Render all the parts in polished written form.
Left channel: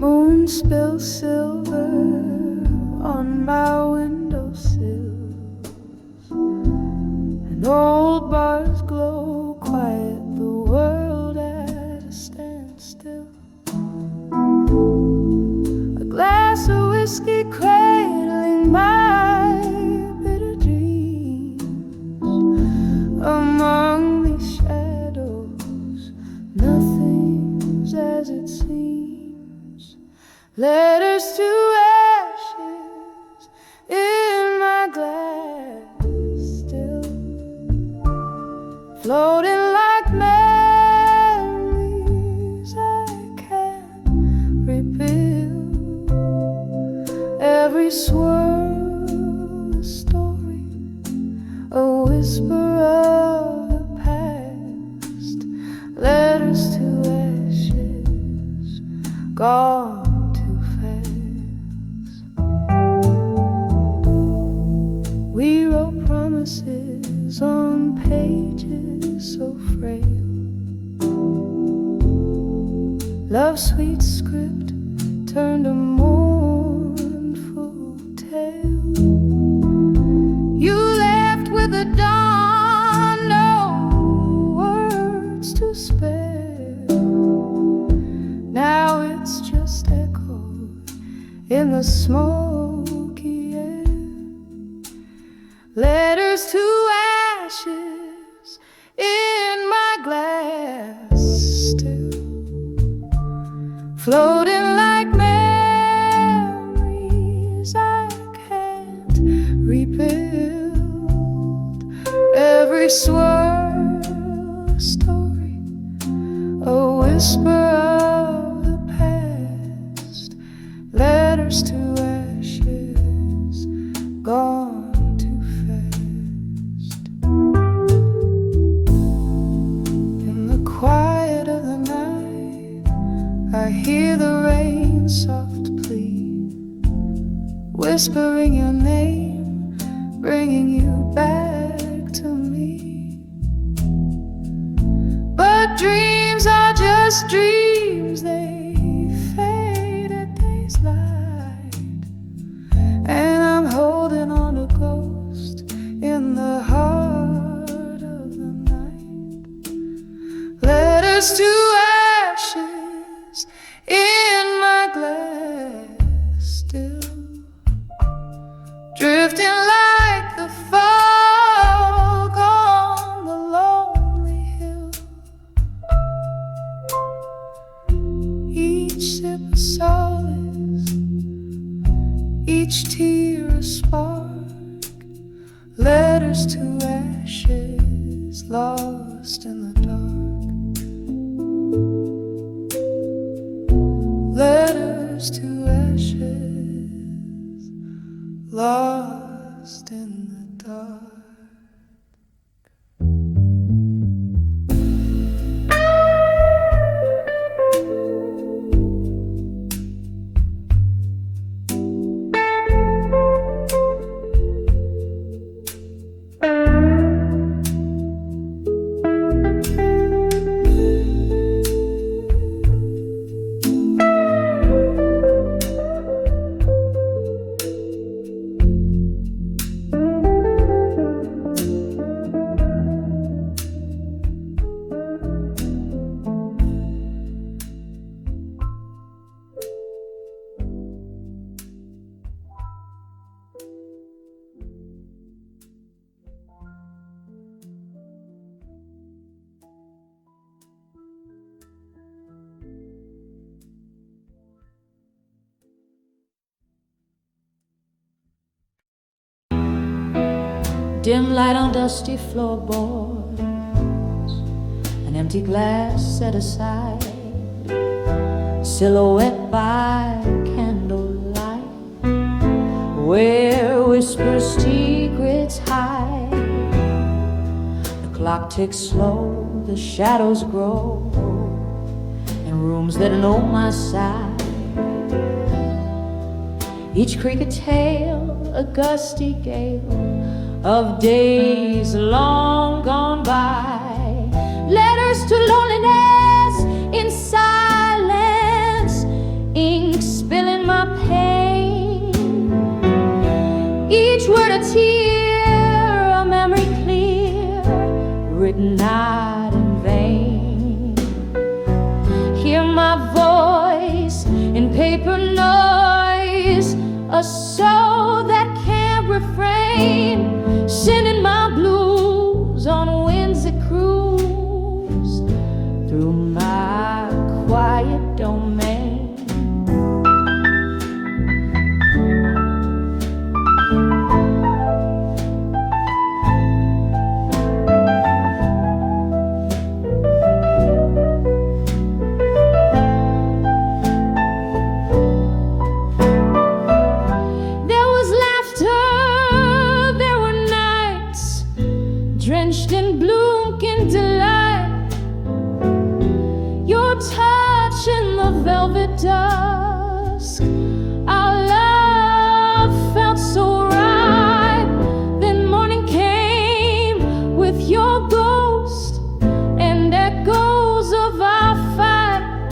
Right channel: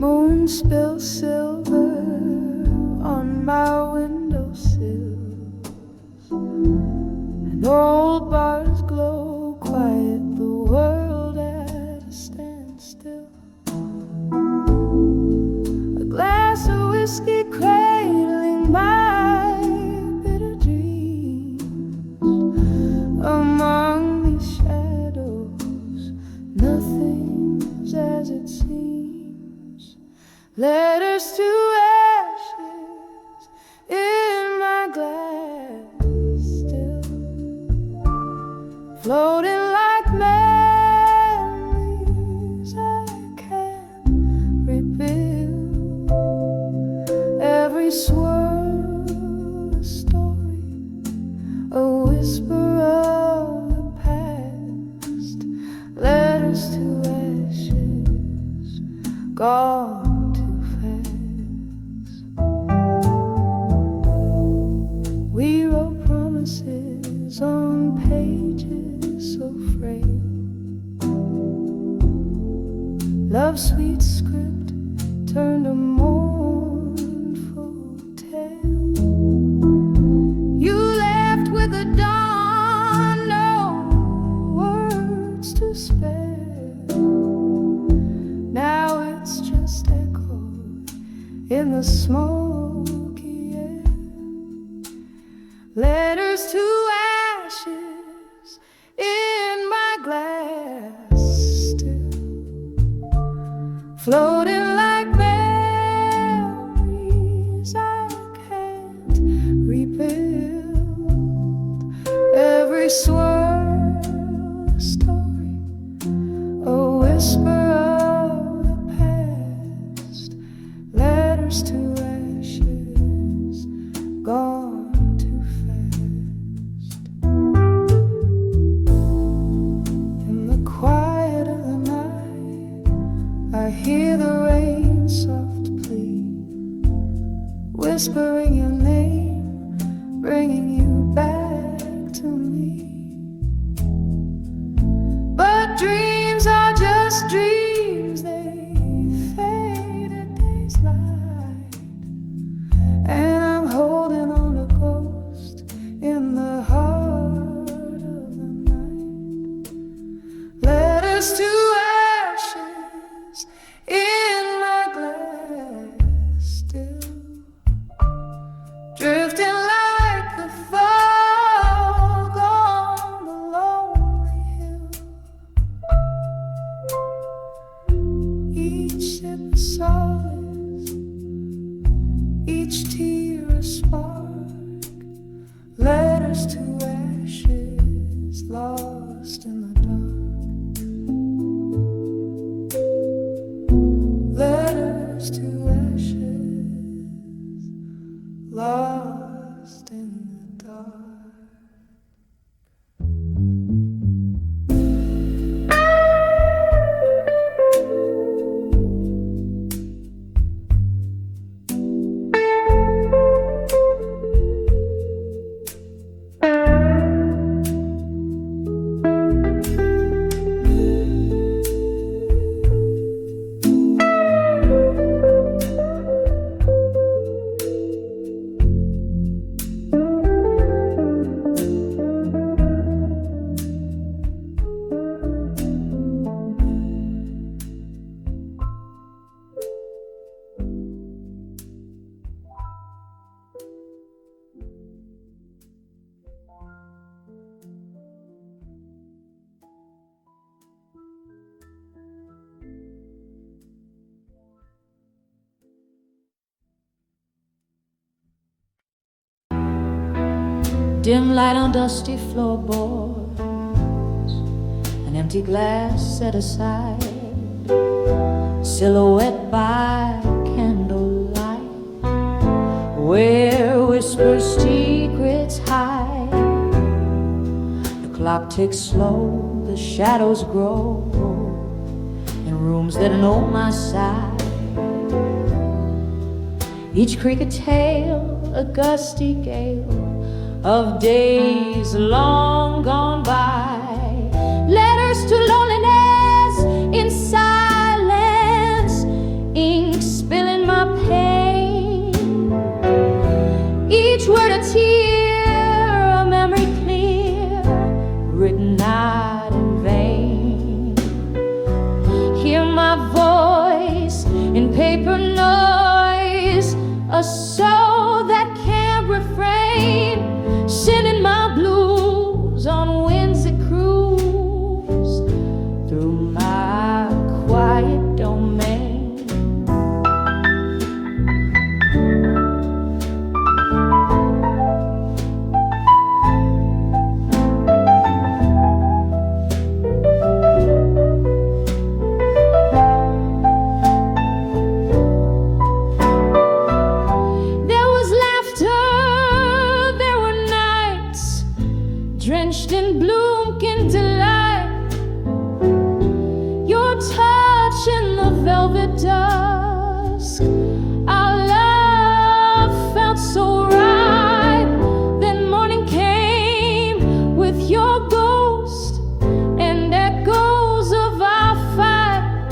Moon spills silver on my windowsills, and old bars glow quiet, the world at a standstill. A glass of whiskey cradling my bitter dreams. Among these shadows, nothing's as it seems. Letters to ashes in my glass still, floating like memories I can't rebuild. Every swirl a story, a whisper of the past. Letters to ashes, gone. We wrote promises on pages so frail. Love's sweet script turned a mournful tale. You left with the dawn, no words to spare. Now it's just echoed in the smoky air. Letters to ashes in my glass still, floating like memories I can't rebuild. Every swirl a story, a whisper of the past. Letters to ashes, gone. Quiet of the night, I hear the rain soft plea, whispering your name, bringing you back to me. But dreams are just dreams, they fade at day's light, and I'm holding on to ghost in the heart. Letters to ashes in my glass still, drifting like the fog on the lonely hill. Each sip a solace, each tear a spark. Letters to ashes, lost in the dark. Letters to ashes, lost in the dark. Dim light on dusty floorboards, an empty glass set aside, silhouette by candlelight, where whispers secrets hide. The clock ticks slow, the shadows grow, and rooms that know my side. Each creak a tale, a gusty gale of days long gone by. Letters to loneliness in silence, ink spilling my pain. Each word a tear, a memory clear, written not in vain. Hear my voice in paper noise, a soul that can't refrain, sending my blues on winds that cruise through my quiet domain. Drenched in bloom, candlelight, your touch in the velvet dusk. Our love felt so right. Then morning came with your ghost and echoes of our fight,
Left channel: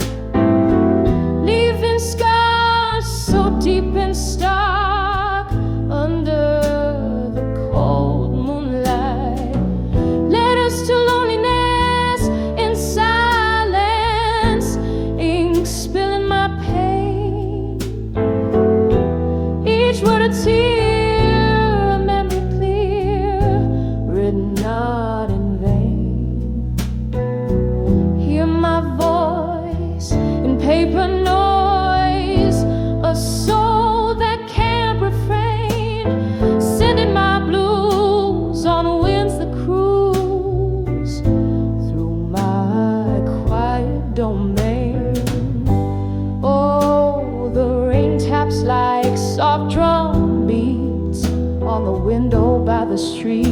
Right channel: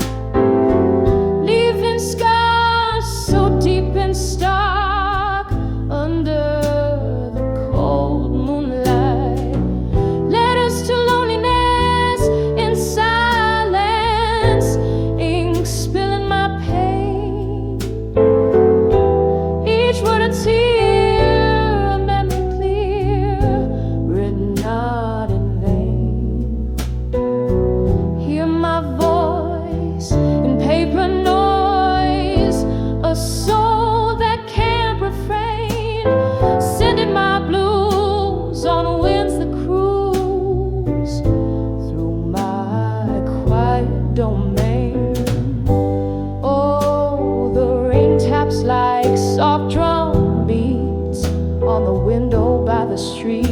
leaving scars so deep and stark under the cold moonlight. To loneliness in silence, ink spilling my pain. Each word a tear, a memory clear, written not in vain. Hear my voice in paper noise, a soul that can't refrain, sending my blues on winds that cruise domain. Oh, the rain taps like soft drum beats on the window by the street.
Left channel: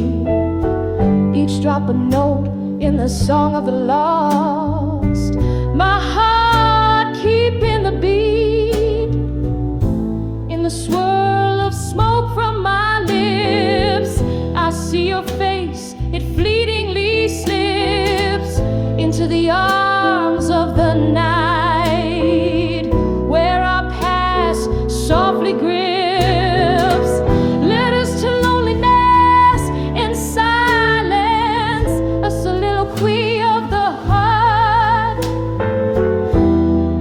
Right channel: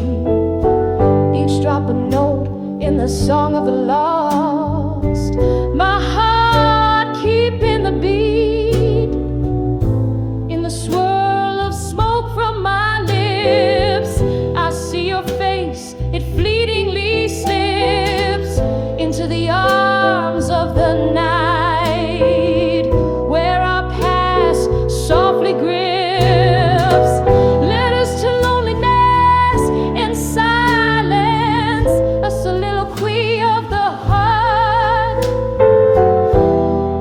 Each drop a note in the song of the lost. My heart keeping the beat in the swirl of smoke from my lips. I see your face, it fleetingly slips into the arms of the night, where our past softly grips. Letters to loneliness in silence, a soliloquy of the heart.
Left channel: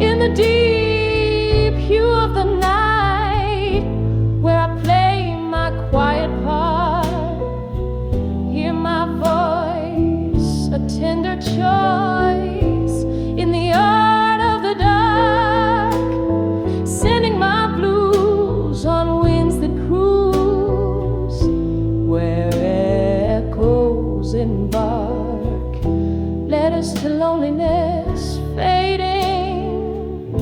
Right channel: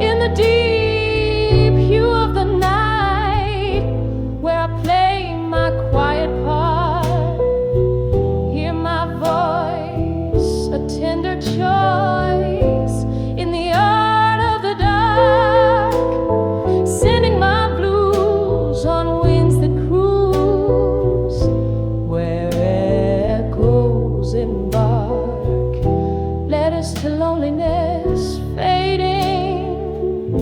In the deep hue of the night, where I play my quiet part. Hear my voice, a tender choice in the art of the dark, sending my blues on winds that cruise, where echoes embark. Letters to loneliness fading,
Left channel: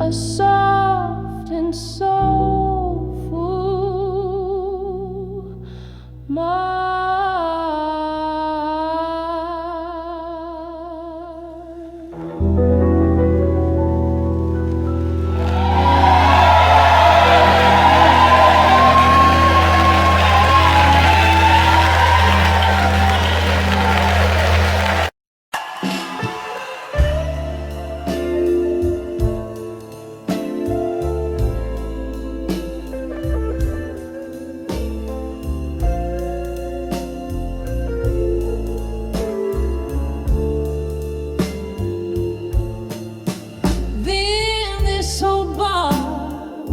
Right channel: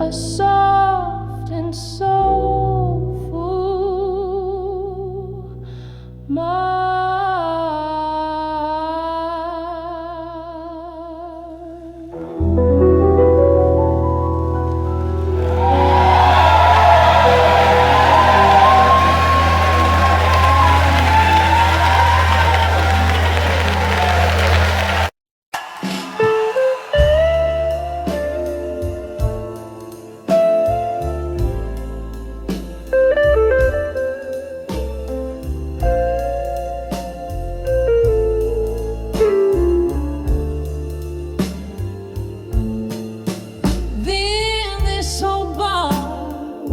a soft and soulful mark.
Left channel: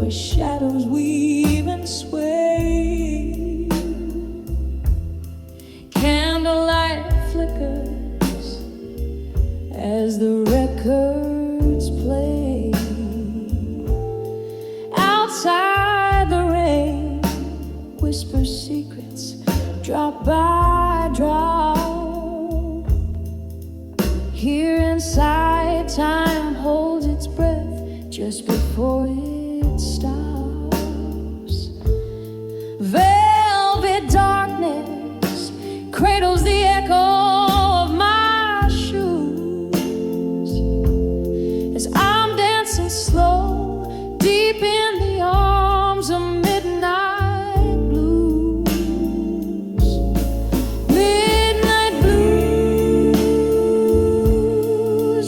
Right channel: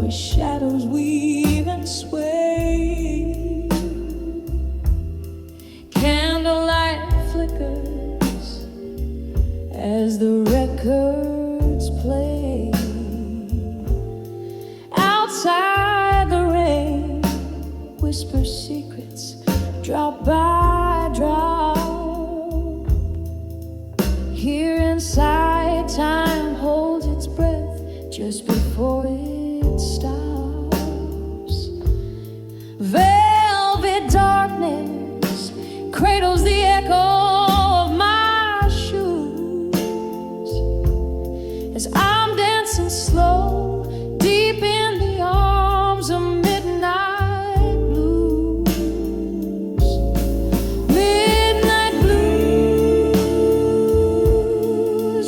Shadows weave and sway, candlelight flickers as the records play. Outside the rain whispers secrets, drop by drop. Here inside time holds its breath just before it stops. Velvet darkness cradles the echo of my shoes. as I'm dancing slow, deep in the arms of midnight blues. Midnight blues,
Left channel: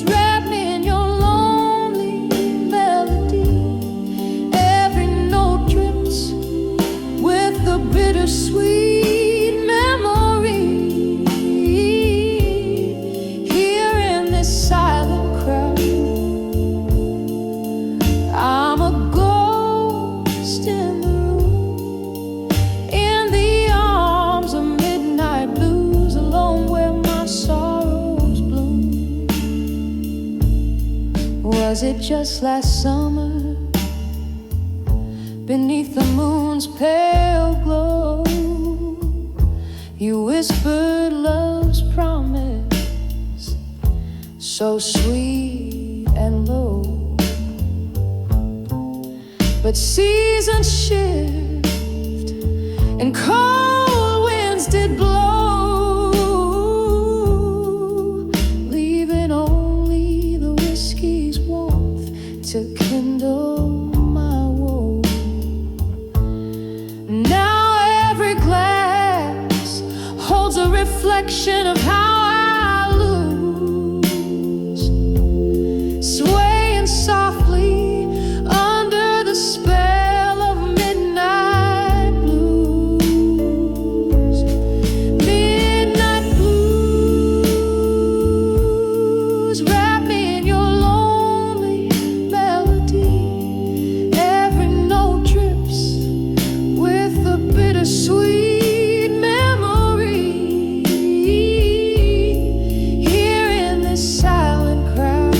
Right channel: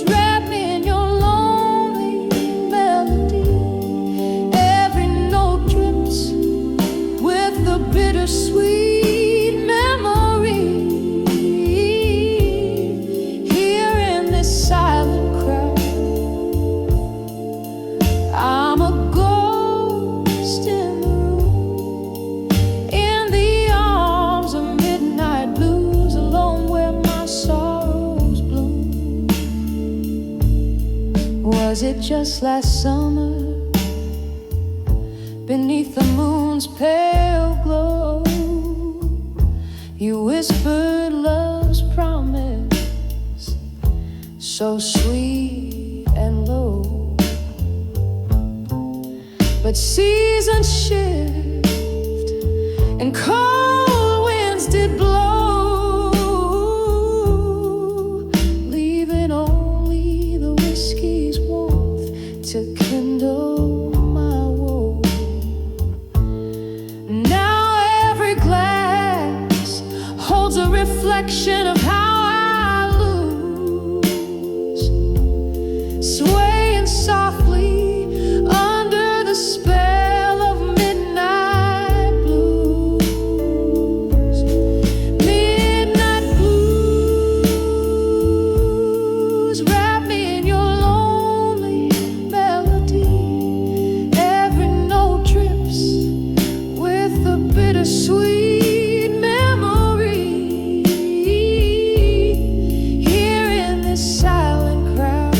wrap me in your lonely melody. Every note drips with the bittersweet memory. Here in this silent crowd, I'm a ghost in the room, in the arms of midnight blues, alone where my sorrows bloom. Was it just last summer, beneath the moon's pale glow, you whispered love's promise, so sweet and low? But seasons shift and cold winds did blow, leaving only the whiskey's warmth to kindle my woe. Now every glass holds a reflection of how I lose, swaying softly under the spell of midnight blues. Midnight blues, wrap me in your lonely melody. Every note drips with the bittersweet memory. Here in this silent crowd,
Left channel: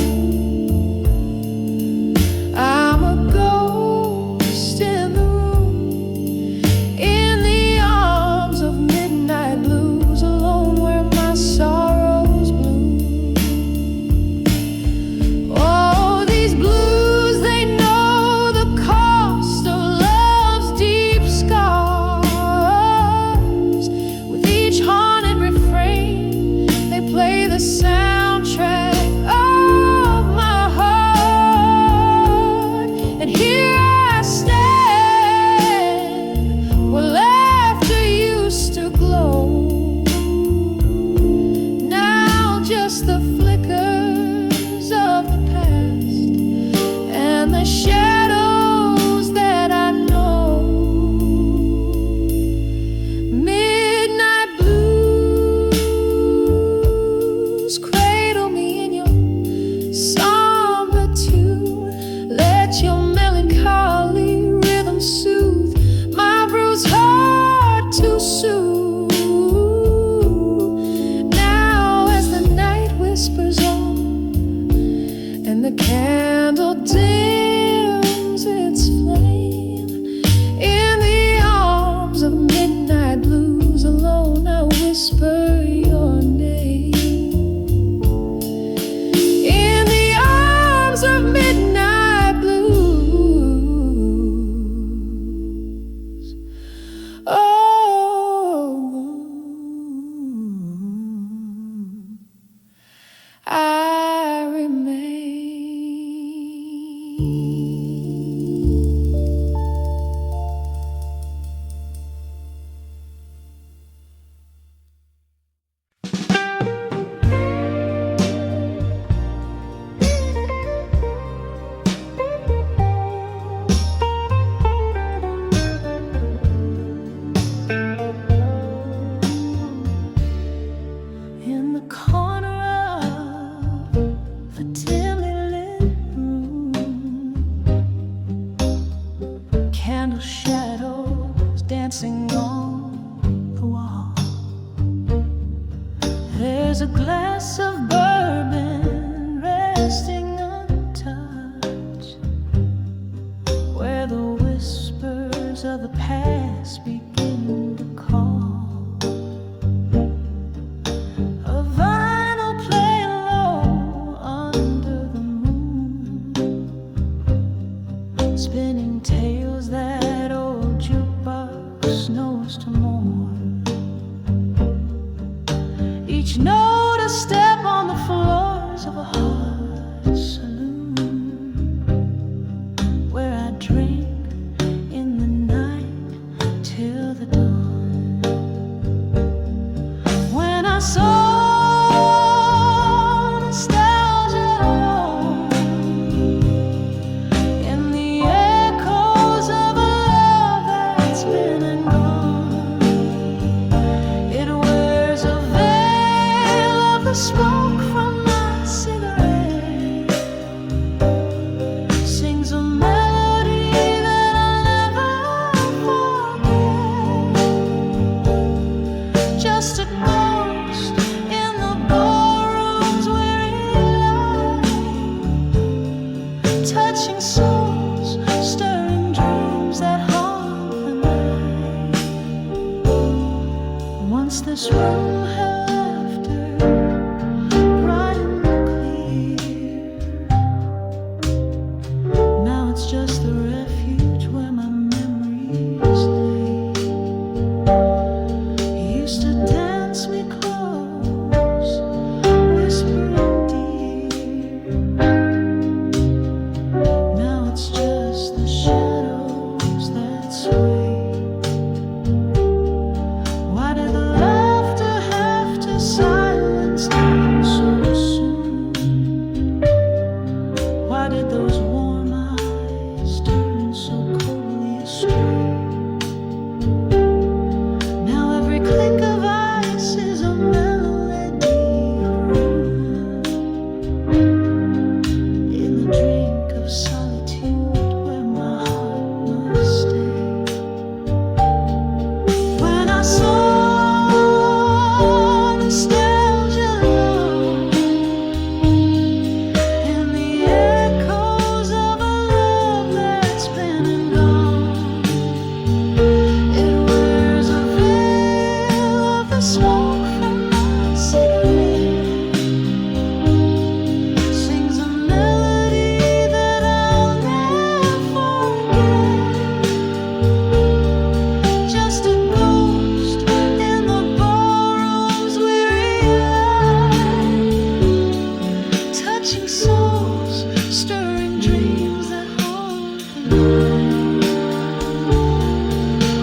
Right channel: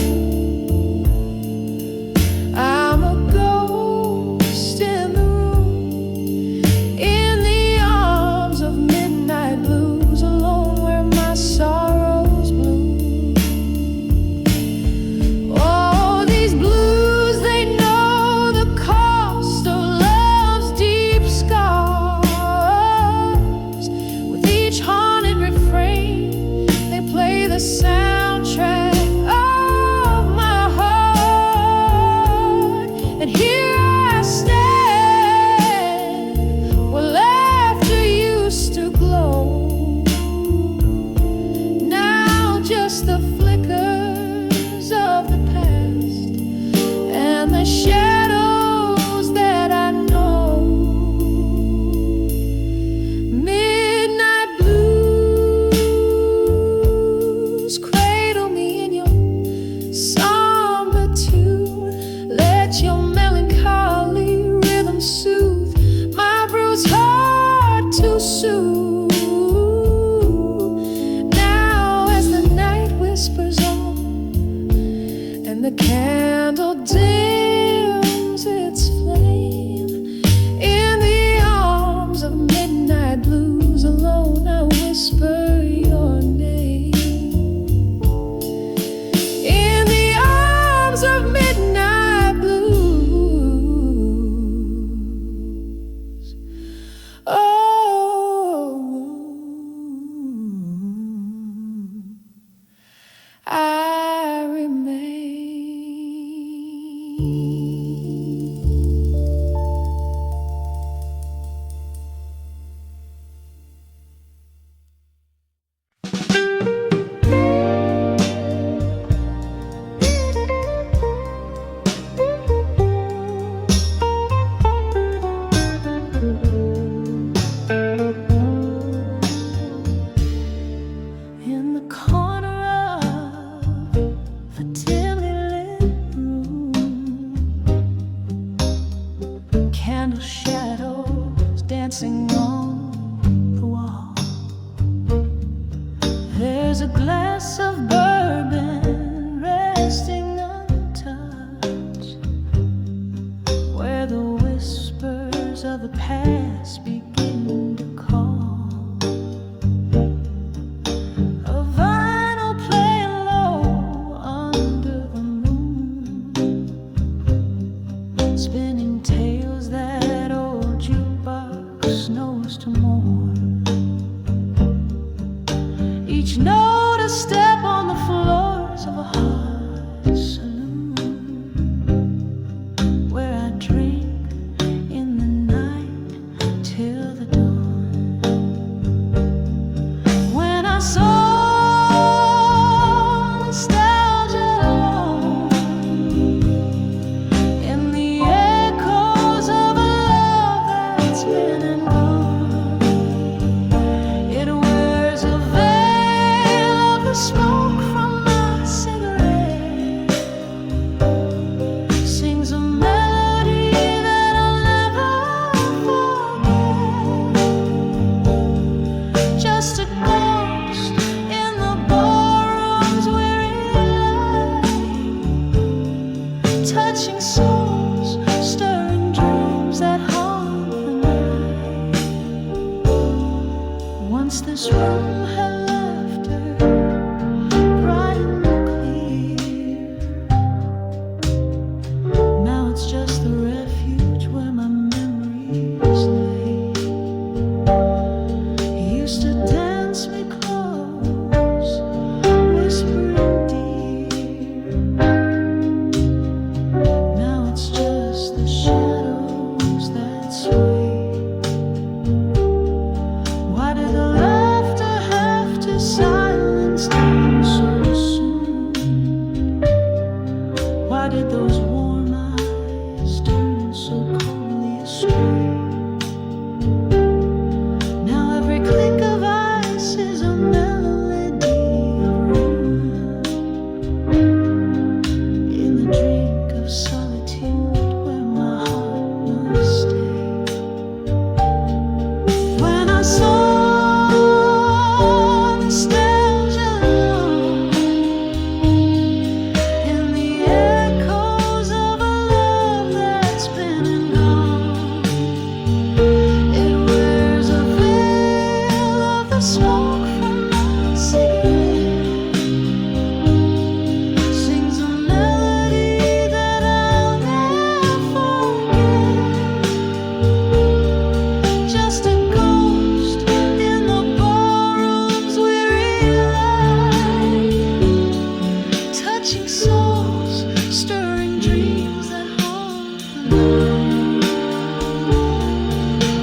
I'm a ghost in the room, in the arms of midnight blues, alone where my sorrows bloom. Oh, these blues, they know the cost of love's deep scars. With each haunted refrain, they play the soundtrack of my heart. And here I stand, where laughter used to glow. Now just the flickers of the past and the shadows that I know. Midnight blues, cradle me in your somber tune. Let your melancholy rhythm soothe my bruised heart too soon. Now as the night whispers on and the candle dims its flame, in the arms of midnight blues, alone I whisper your name. In the arms of midnight blues, oh, I remain. In the corner of a dimly lit room, candle shadows dancing on the wall. There's a glass of bourbon resting untouched, where the whispers of the past begin to call. A vinyl playing low under the moon, spinning tales that old jukebox knows to mourn. Each note a step on the floors of a heart saloon. dawn. When I saw nostalgia alone in the echoes of a love that's been and gone, it wears a veil of the smoke from my cigarette, sings a melody that I'll never forget, just a ghost in the ballroom's weary light, touching souls, stirring dreams that haunt the night. Once this room had laughter, bright and clear. Now it's just the refuge where my memories lay. He used to dance me close, whispering dear. Now it's just the shadows that sway. Why did the laughter have to silence down so soon? Why did those warm eyes turn so coldly astray? Now every clink of ice is a melody of ruin, in the drink of solitude where my heart must stay. When I saw nostalgia alone in the echoes of a love that's been and gone, it wears a veil of the smoke from my cigarette, sings a melody that I'll never forget, just a ghost in the ballroom's weary light, touching souls, stirring dreams that haunt the night.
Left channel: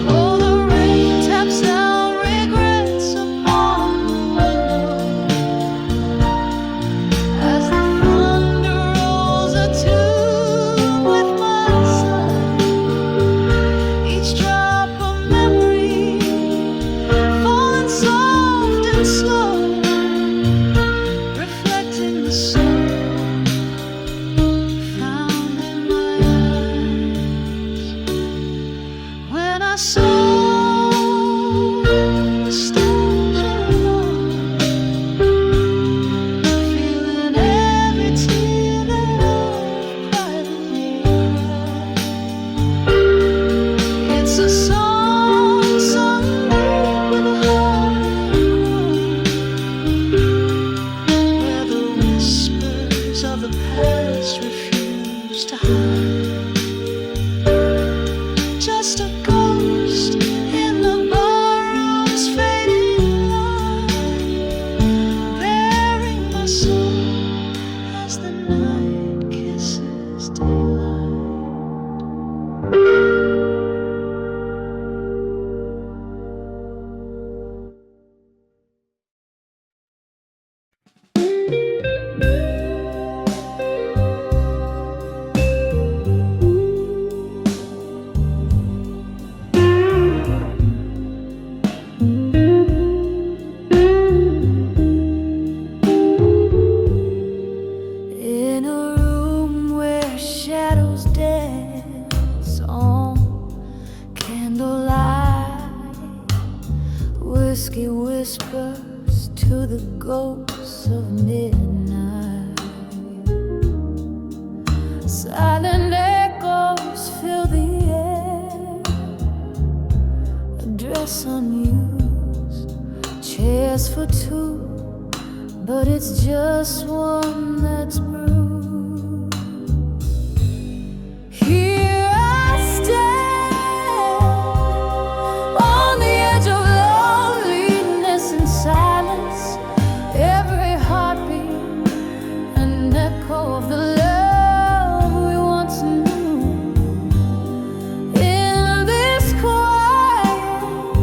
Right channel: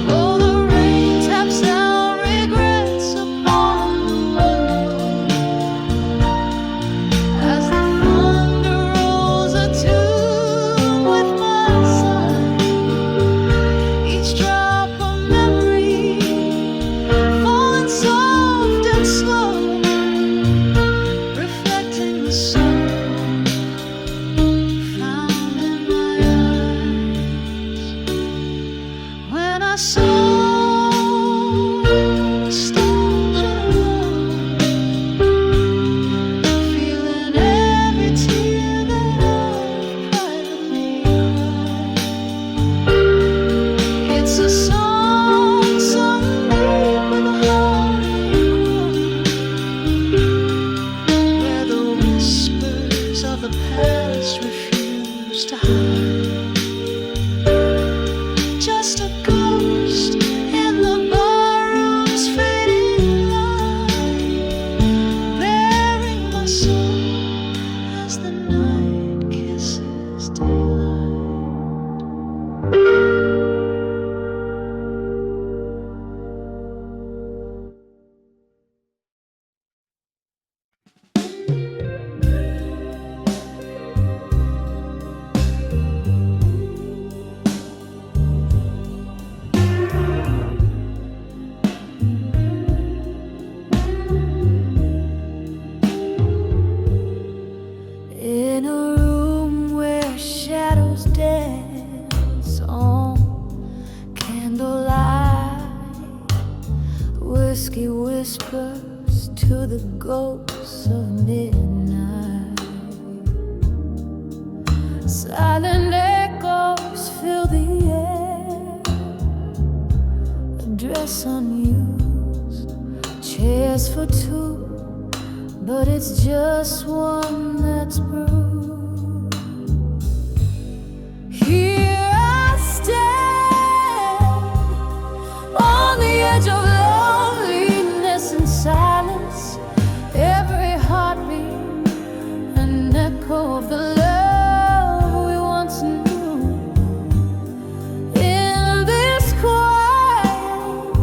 Oh, the rain taps out regrets upon the window as the thunder rolls a tune with my sigh. Each drop a memory, falling soft and slow, reflecting the sorrow found in my eyes. When I saw nostalgia alone, feeling every tear that I've privately cried. It's a song sung deep with a heartache groan, where the whispers of the past refuse to hide. Just a ghost in the barroom's fading light, bearing my soul as the night kisses daylight. In a room where shadows dance on candlelight, whiskey whispers to the ghosts of midnight. Silent echoes fill the air, a dress unused, chairs for two, but it's just one that's bruised. Here I stand on the edge of loneliness and silence, every heartbeat an echo of the love we once knew. In this quiet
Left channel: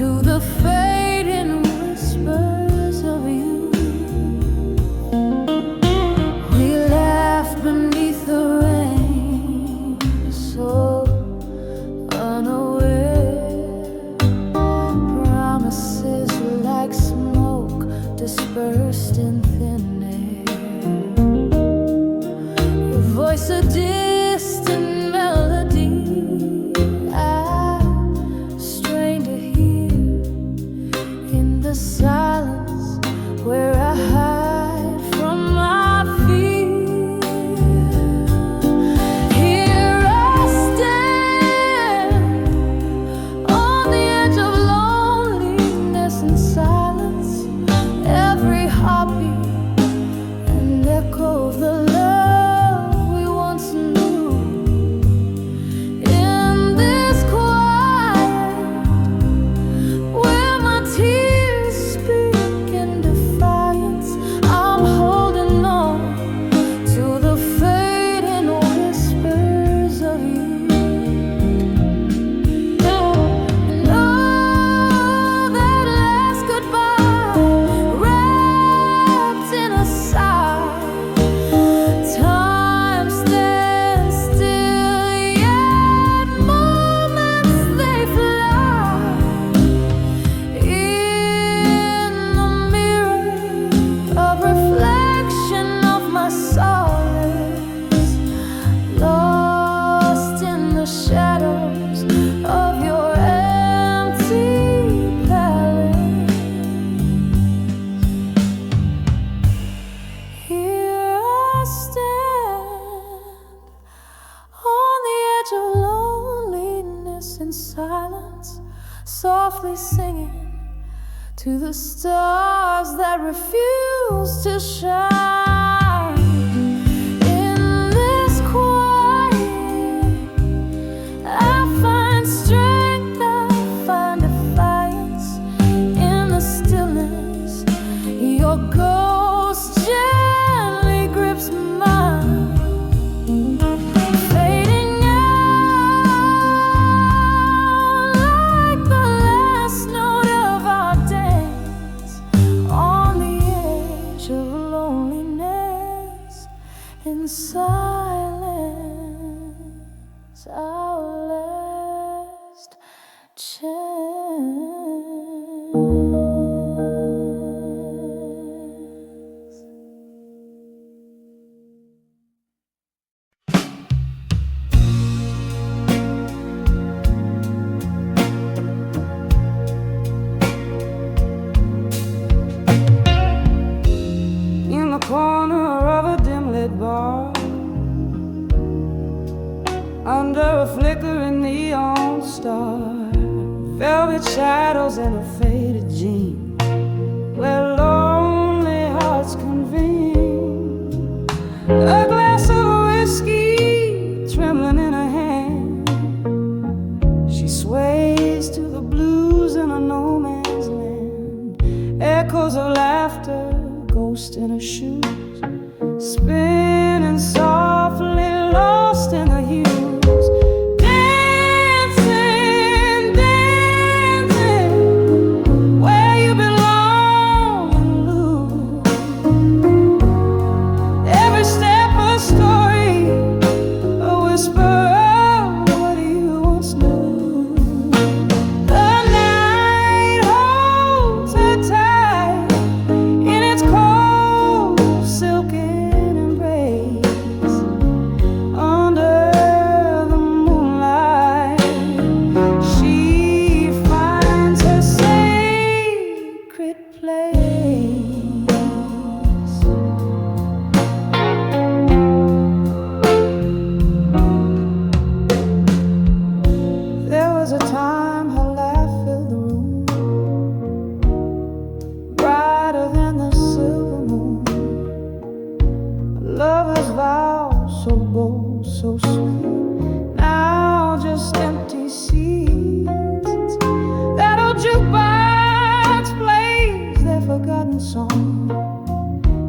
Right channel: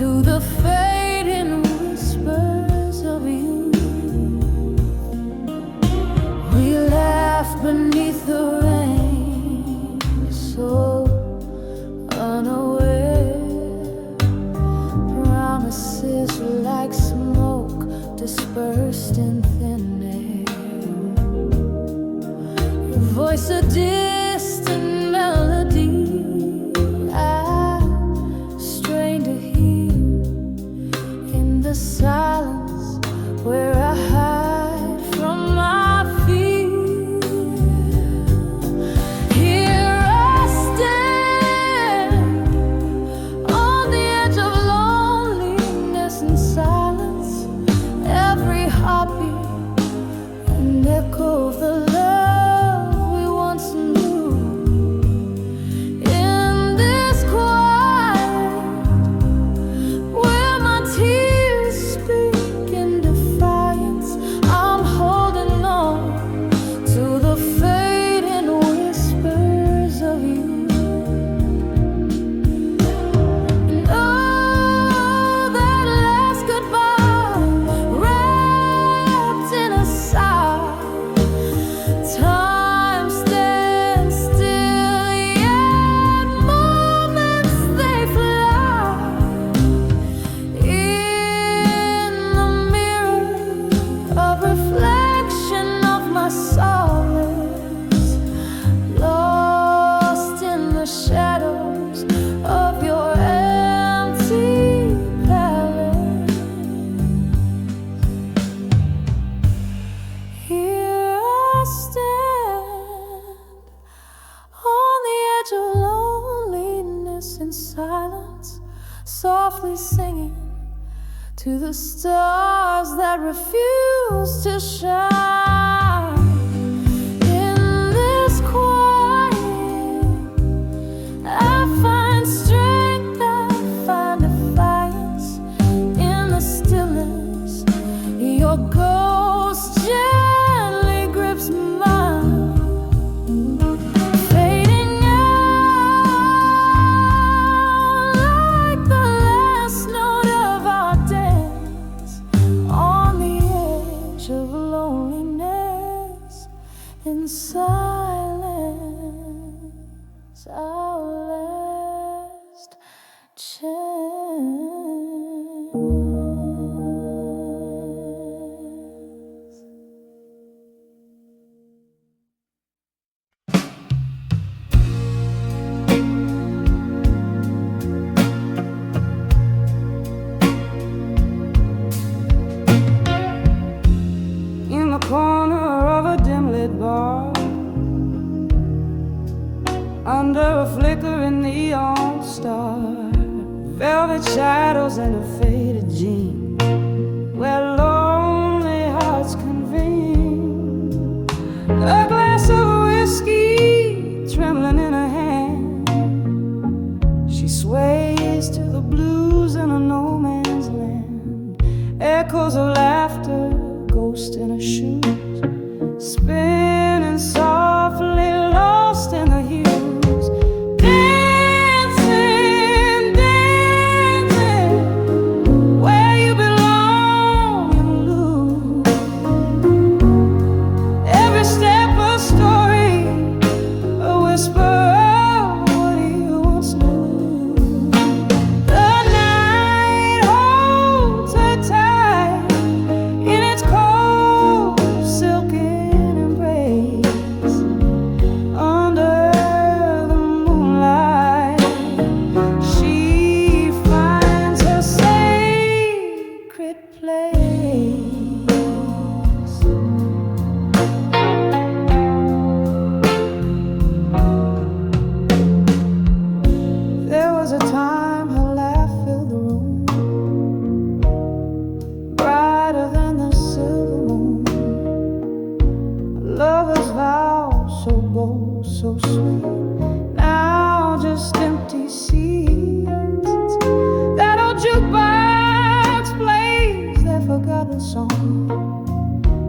to the fading whispers of you. We laughed beneath the rain, so unaware. Promises like smoke dispersed in thin air. Your voice a distant melody I strain to hear in the silence where I hide from my fear. Here I stand on the edge of loneliness and silence. Every heartbeat an echo of the love we once knew. In this quiet where my tears speak in defiance, I'm holding on to the fading whispers of you. And oh, that last goodbye wrapped in a sigh. Time stands still, yet moments they fly. In the mirror, a reflection of my solace, lost in the shadows of your empty palace. Here I stand on the edge of loneliness and silence, softly singing to the stars that refuse to shine. In this quiet, I find strength, I find defiance. In the stillness, your ghost gently grips mine. Fading out like the last note of our dance, on the edge of loneliness and silence, our last chance. In the corner of a dim-lit bar, under a flickering neon star, velvet shadows and a faded jean, where lonely hearts convene. A glass of whiskey trembling in her hand, she sways to the blues in a no man's land. Echoes of laughter, ghost in her shoes, spinning softly, lost in the hues. Dancing, dancing, where you belong and lose. Every step a story, a whisper of what you once knew. The night holds her tight in its cold silken embrace. Under the moonlight, she finds her sacred place. There was a time her laugh filled the room, brighter than the silver moon. A lover's vow, so bold, so sweet, now just empty seats. That old jukebox plays their forgotten song.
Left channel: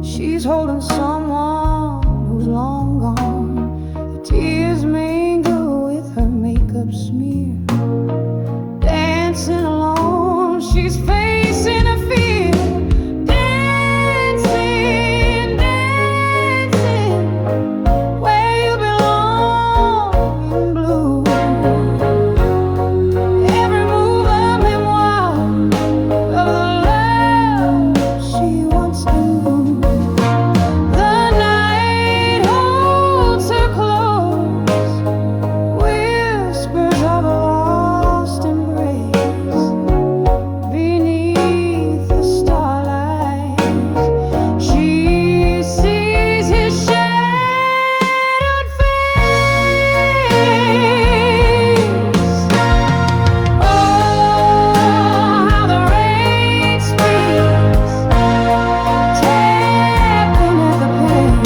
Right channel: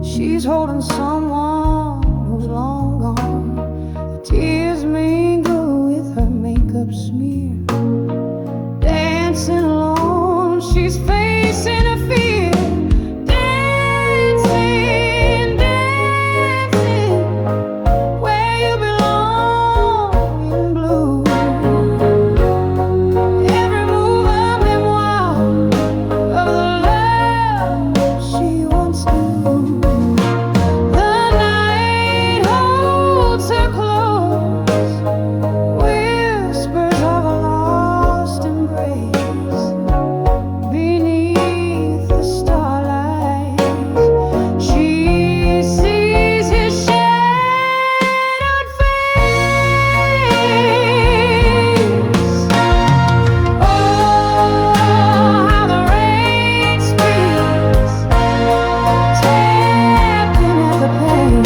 She's holding someone who's long gone. The tears mingle with her makeup smear, dancing along she's facing a fear. Dancing, dancing, where you belong in blue. Every move a memoir of the love she once knew. The night holds her close, whispers of a lost embrace. Beneath the starlight, she sees his shadowed face. Oh, how the rain speaks, tapping at the pane.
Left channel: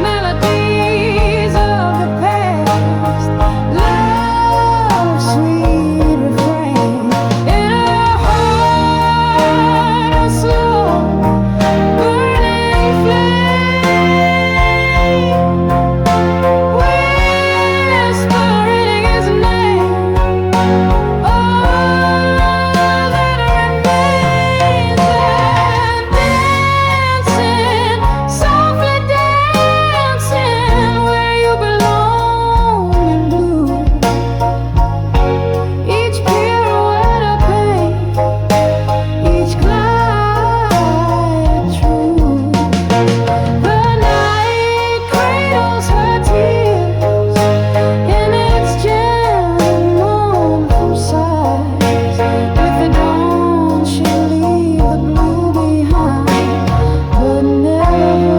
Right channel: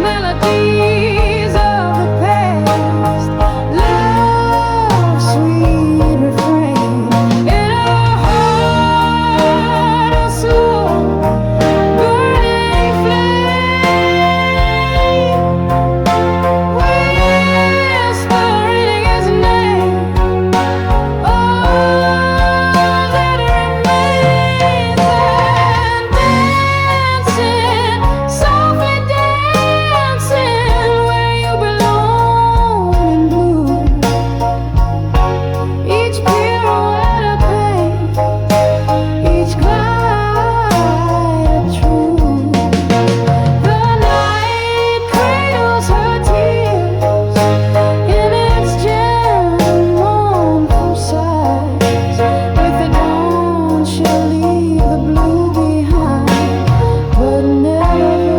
Melodies of the past, love's sweet refrain. In her heart, a slow burning flame, whispering his name. All that remains, and dancing, softly dancing, where you belong in blue. Each pirouette a pain, each glide a truth. The night cradles her tears in its gentle, mournful sighs. With the dawn she'll leave the blue behind, but never the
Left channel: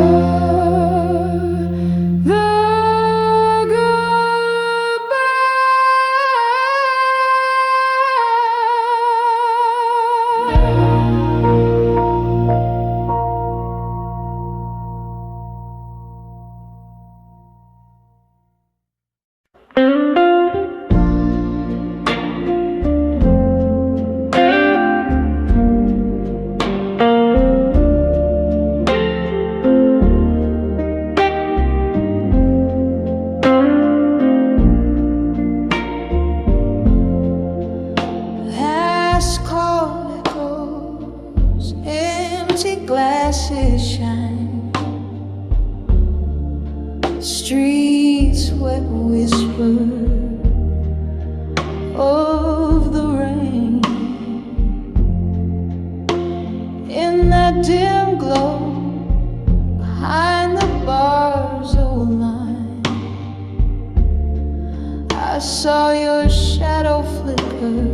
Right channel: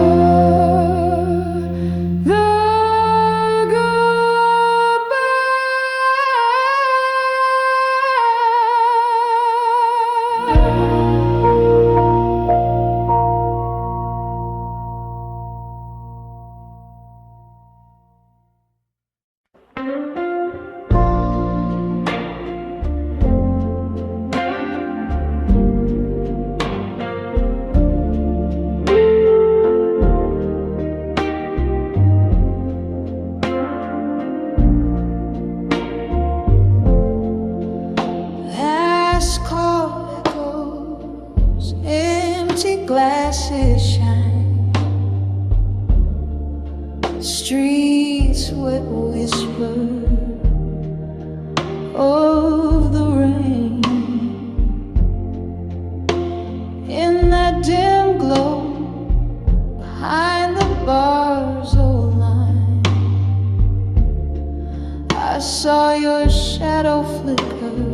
last call echoes, empty glasses shine. Streets wet whisper of the rain. In that dim glow, behind the bar's old line, I saw your shadow flicker,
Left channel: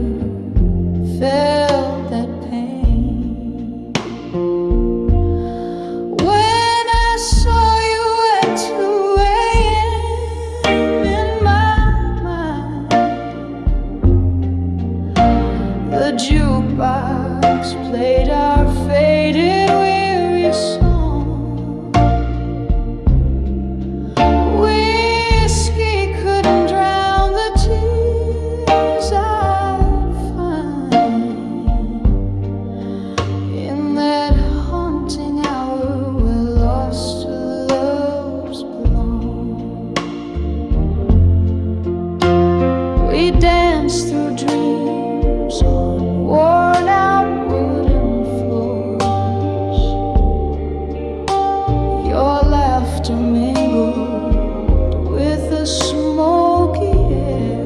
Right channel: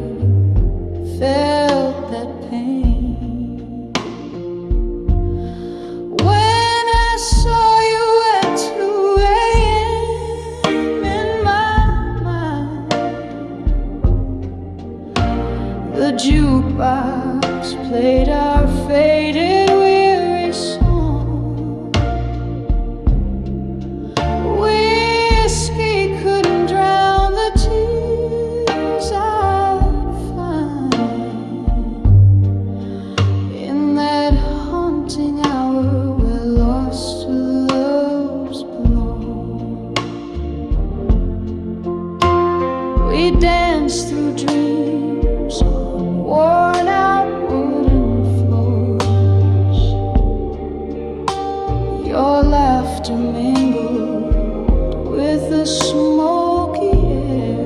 felt that pain. When I saw you at 2 a.m. in my mind, the jukebox played our faded, weary song. Whiskey couldn't drown the tears I'd find in that haunting hour where lost loves belong. We danced through dreams on worn out wooden floors. Your laughter mingled with the smoky air.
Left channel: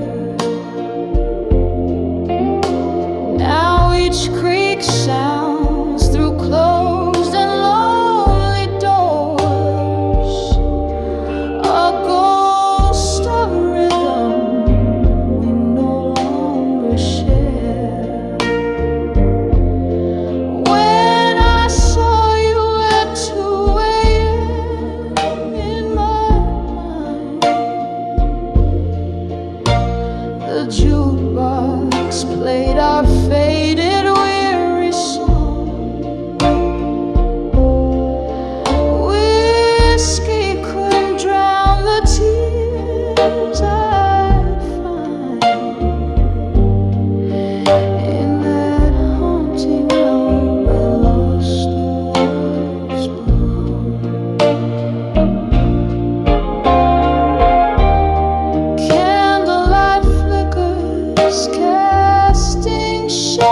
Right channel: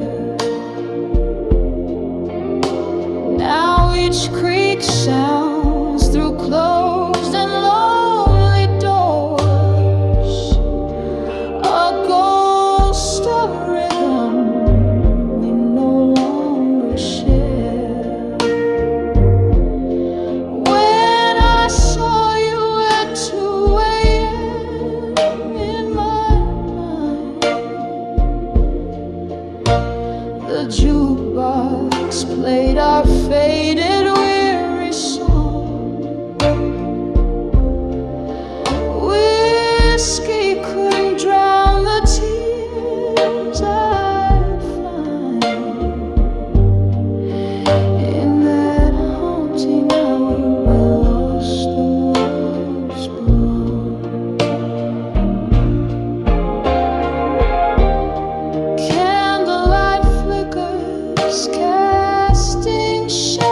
Now each creak sounds through closed and lonely doors, a ghost of rhythm we no longer share. When I saw you at 2 a.m. in my mind, the jukebox played our faded, weary song. Whiskey couldn't drown the tears I'd find in that haunting hour where lost loves belong. Candlelight flickers, casting shadows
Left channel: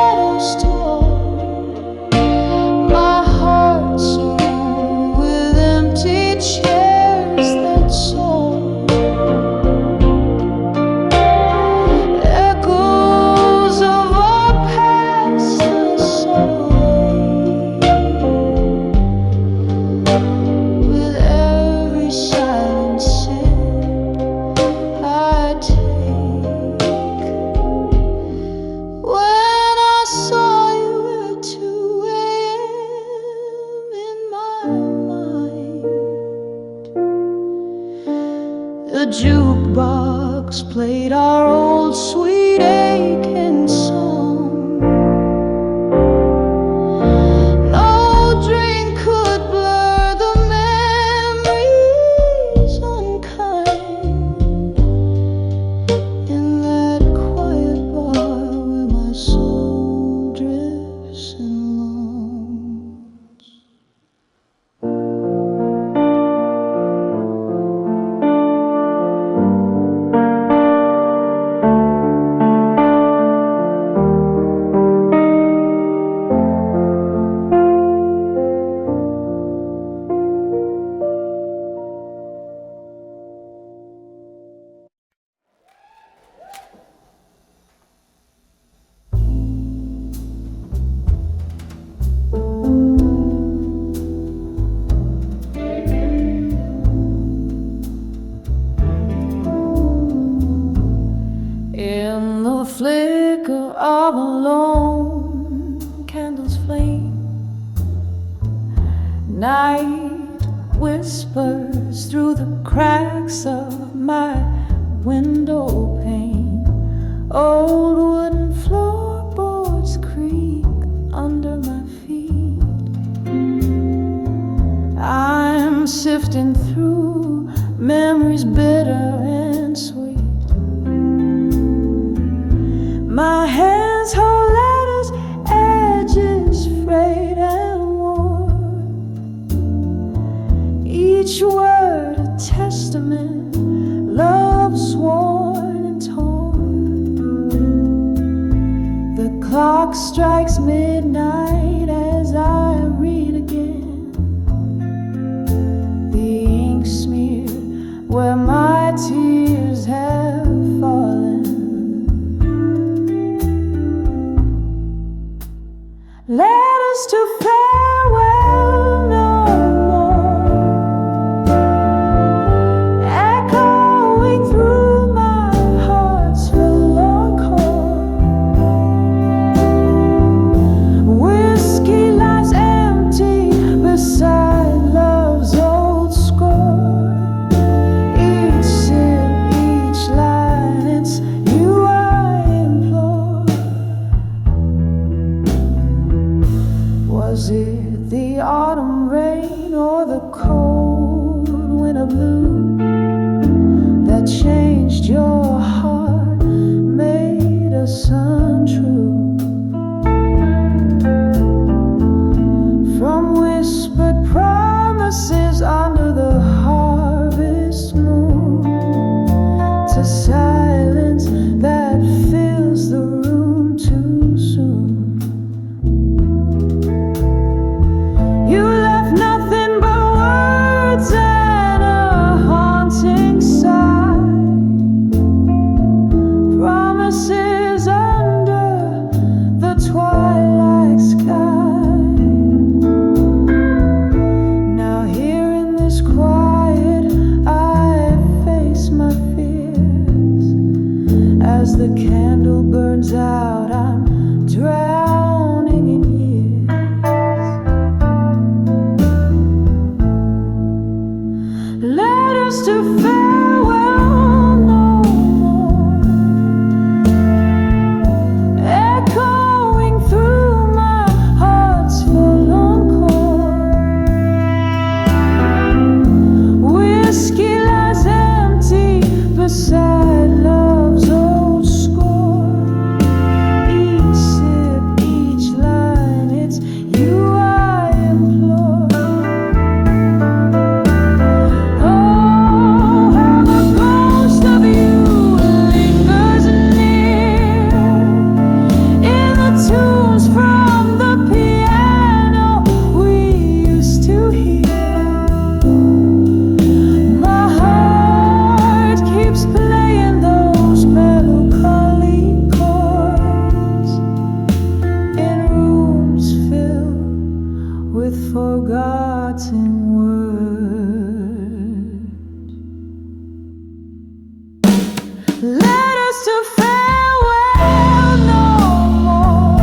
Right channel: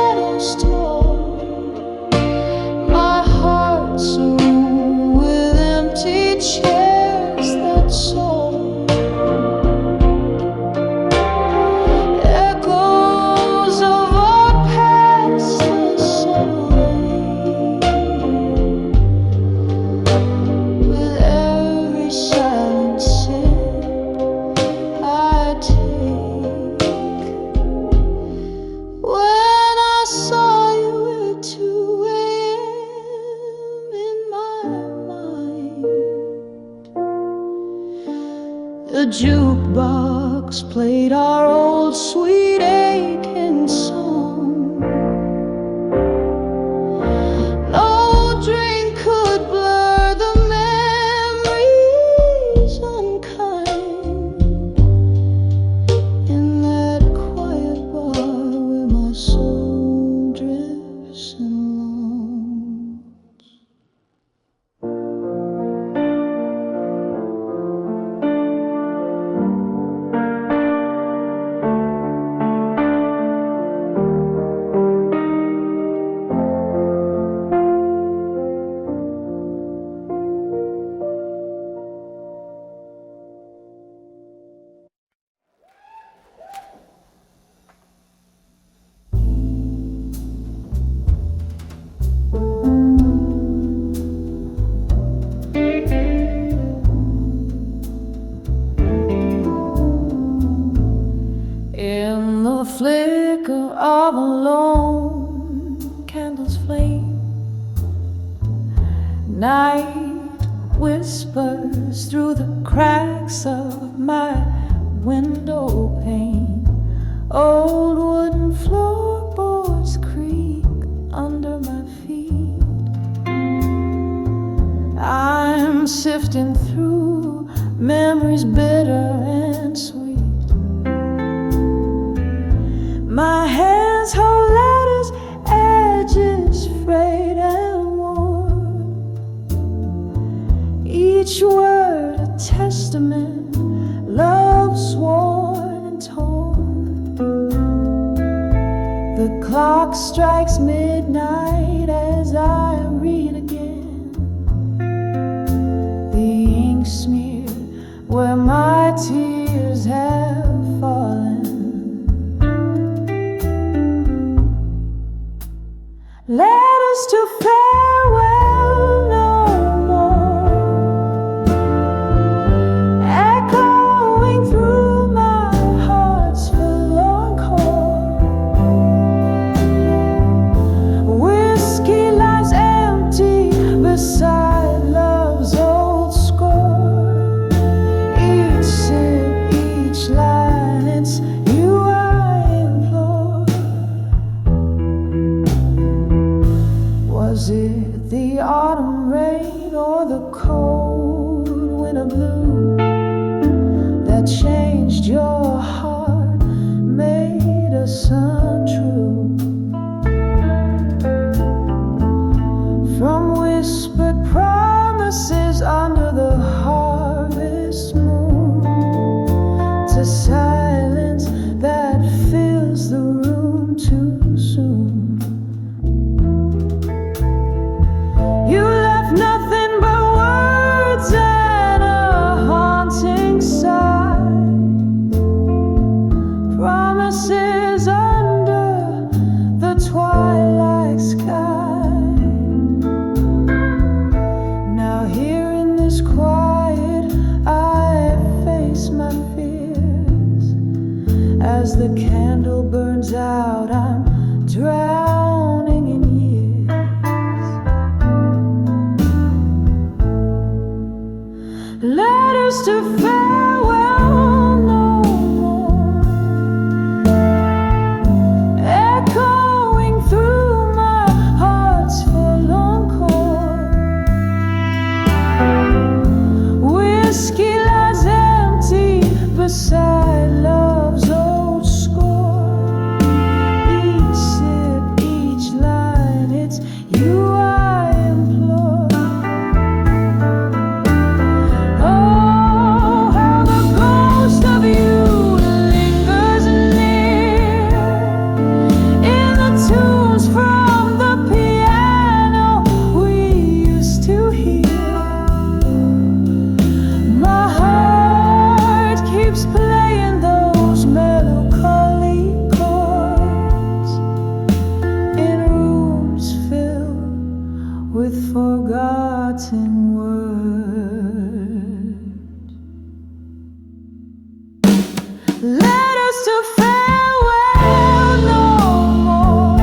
the jukebox played our old sweet aching song. No drink could blur the memories unkind in that quiet bar where my soul drifts and longs. In the flicker of a lone candle's flame, night whispers through the cracks of my window pane. Old wooden floorboards creak under my feet. I'm sifting through memories bitter and sweet. My hands hold letters, edges frayed and worn. Each word a testament, love sworn and torn. The clock strikes midnight as I read again. The ink smear where my tears have fallen. Letters to farewell no more, echoing through my heart's forlorn chord. Whiskey lies empty beside love's old score. Each sip, each line, it's you I implore. Was it the autumn rain or the cold winter blue that changed your heart, made us untrue? From whispered promises under the harvest moon to silence that fills the room too soon. You left nothing but words and a haunting sigh. Promises under the twilight sky. Now here in this quiet, I face my fears. As the candle burns out, I'm drowning in years. Letters to farewell no more, echoing through my heart's forlorn chord. Whiskey lies empty beside love's old score. Each sip, each line, it's you I implore. Oh, how the ghost of you lingers near in the tunes from the piano we used to hear. My heart keeps playing those melancholy chords in rooms filled with forgotten words. Letters to farewell no more,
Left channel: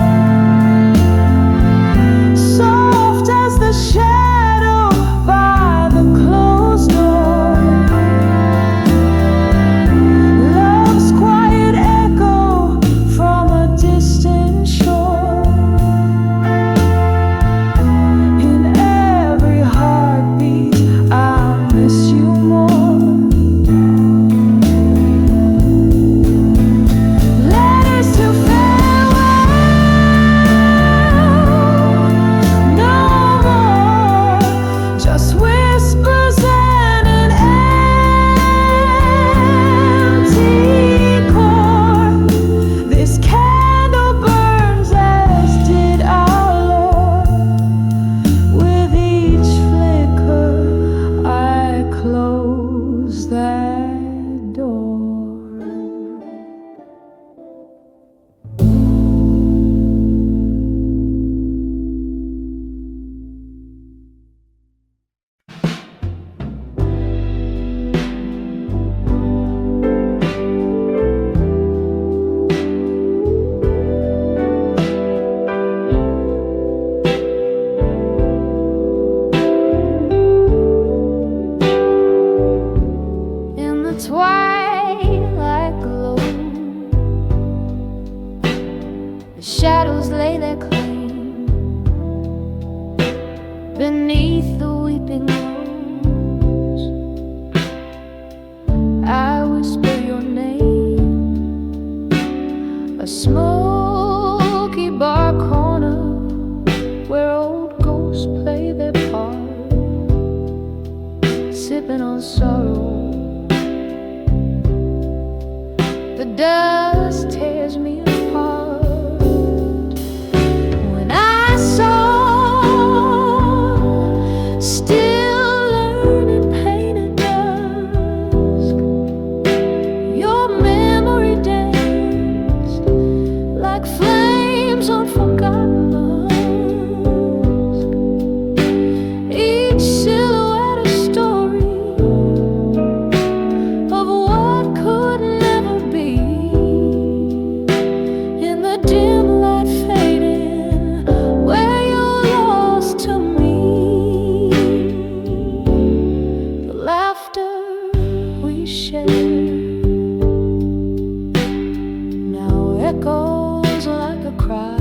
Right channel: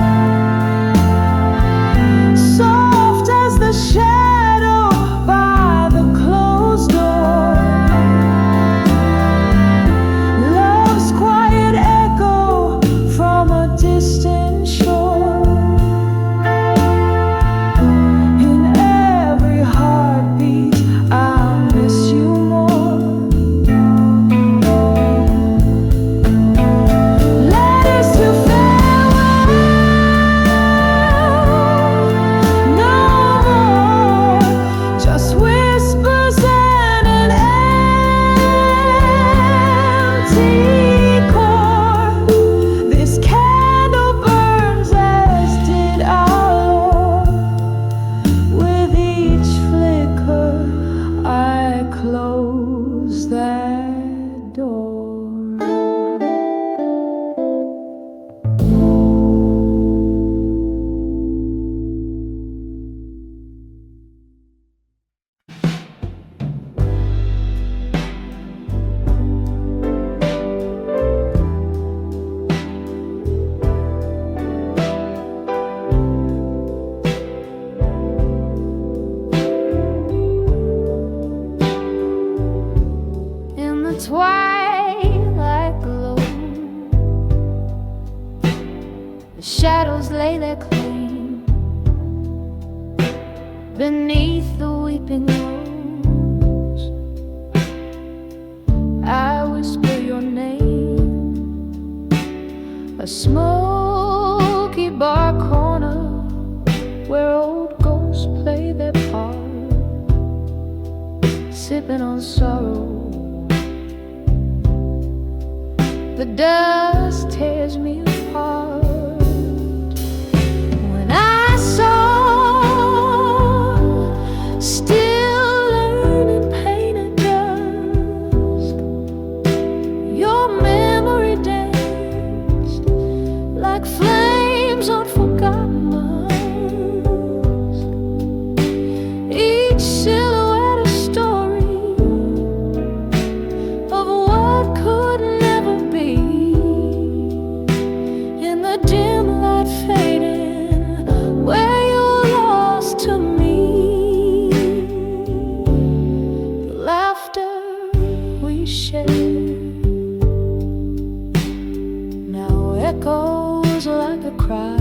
soft as the shadow by the closed door. The shadows lay their claim beneath the weeping rose. I whisper your name, a smoky bar corner where old ghosts play their part, sipping on sorrow. The dust tears me apart. When I saw, still learning pain at dusk, your memory danced like flames on forgotten musk. Each silhouette a story of what could never be. In the dim light fading, where you're lost to me, the laughter we shared now echoes like a cry,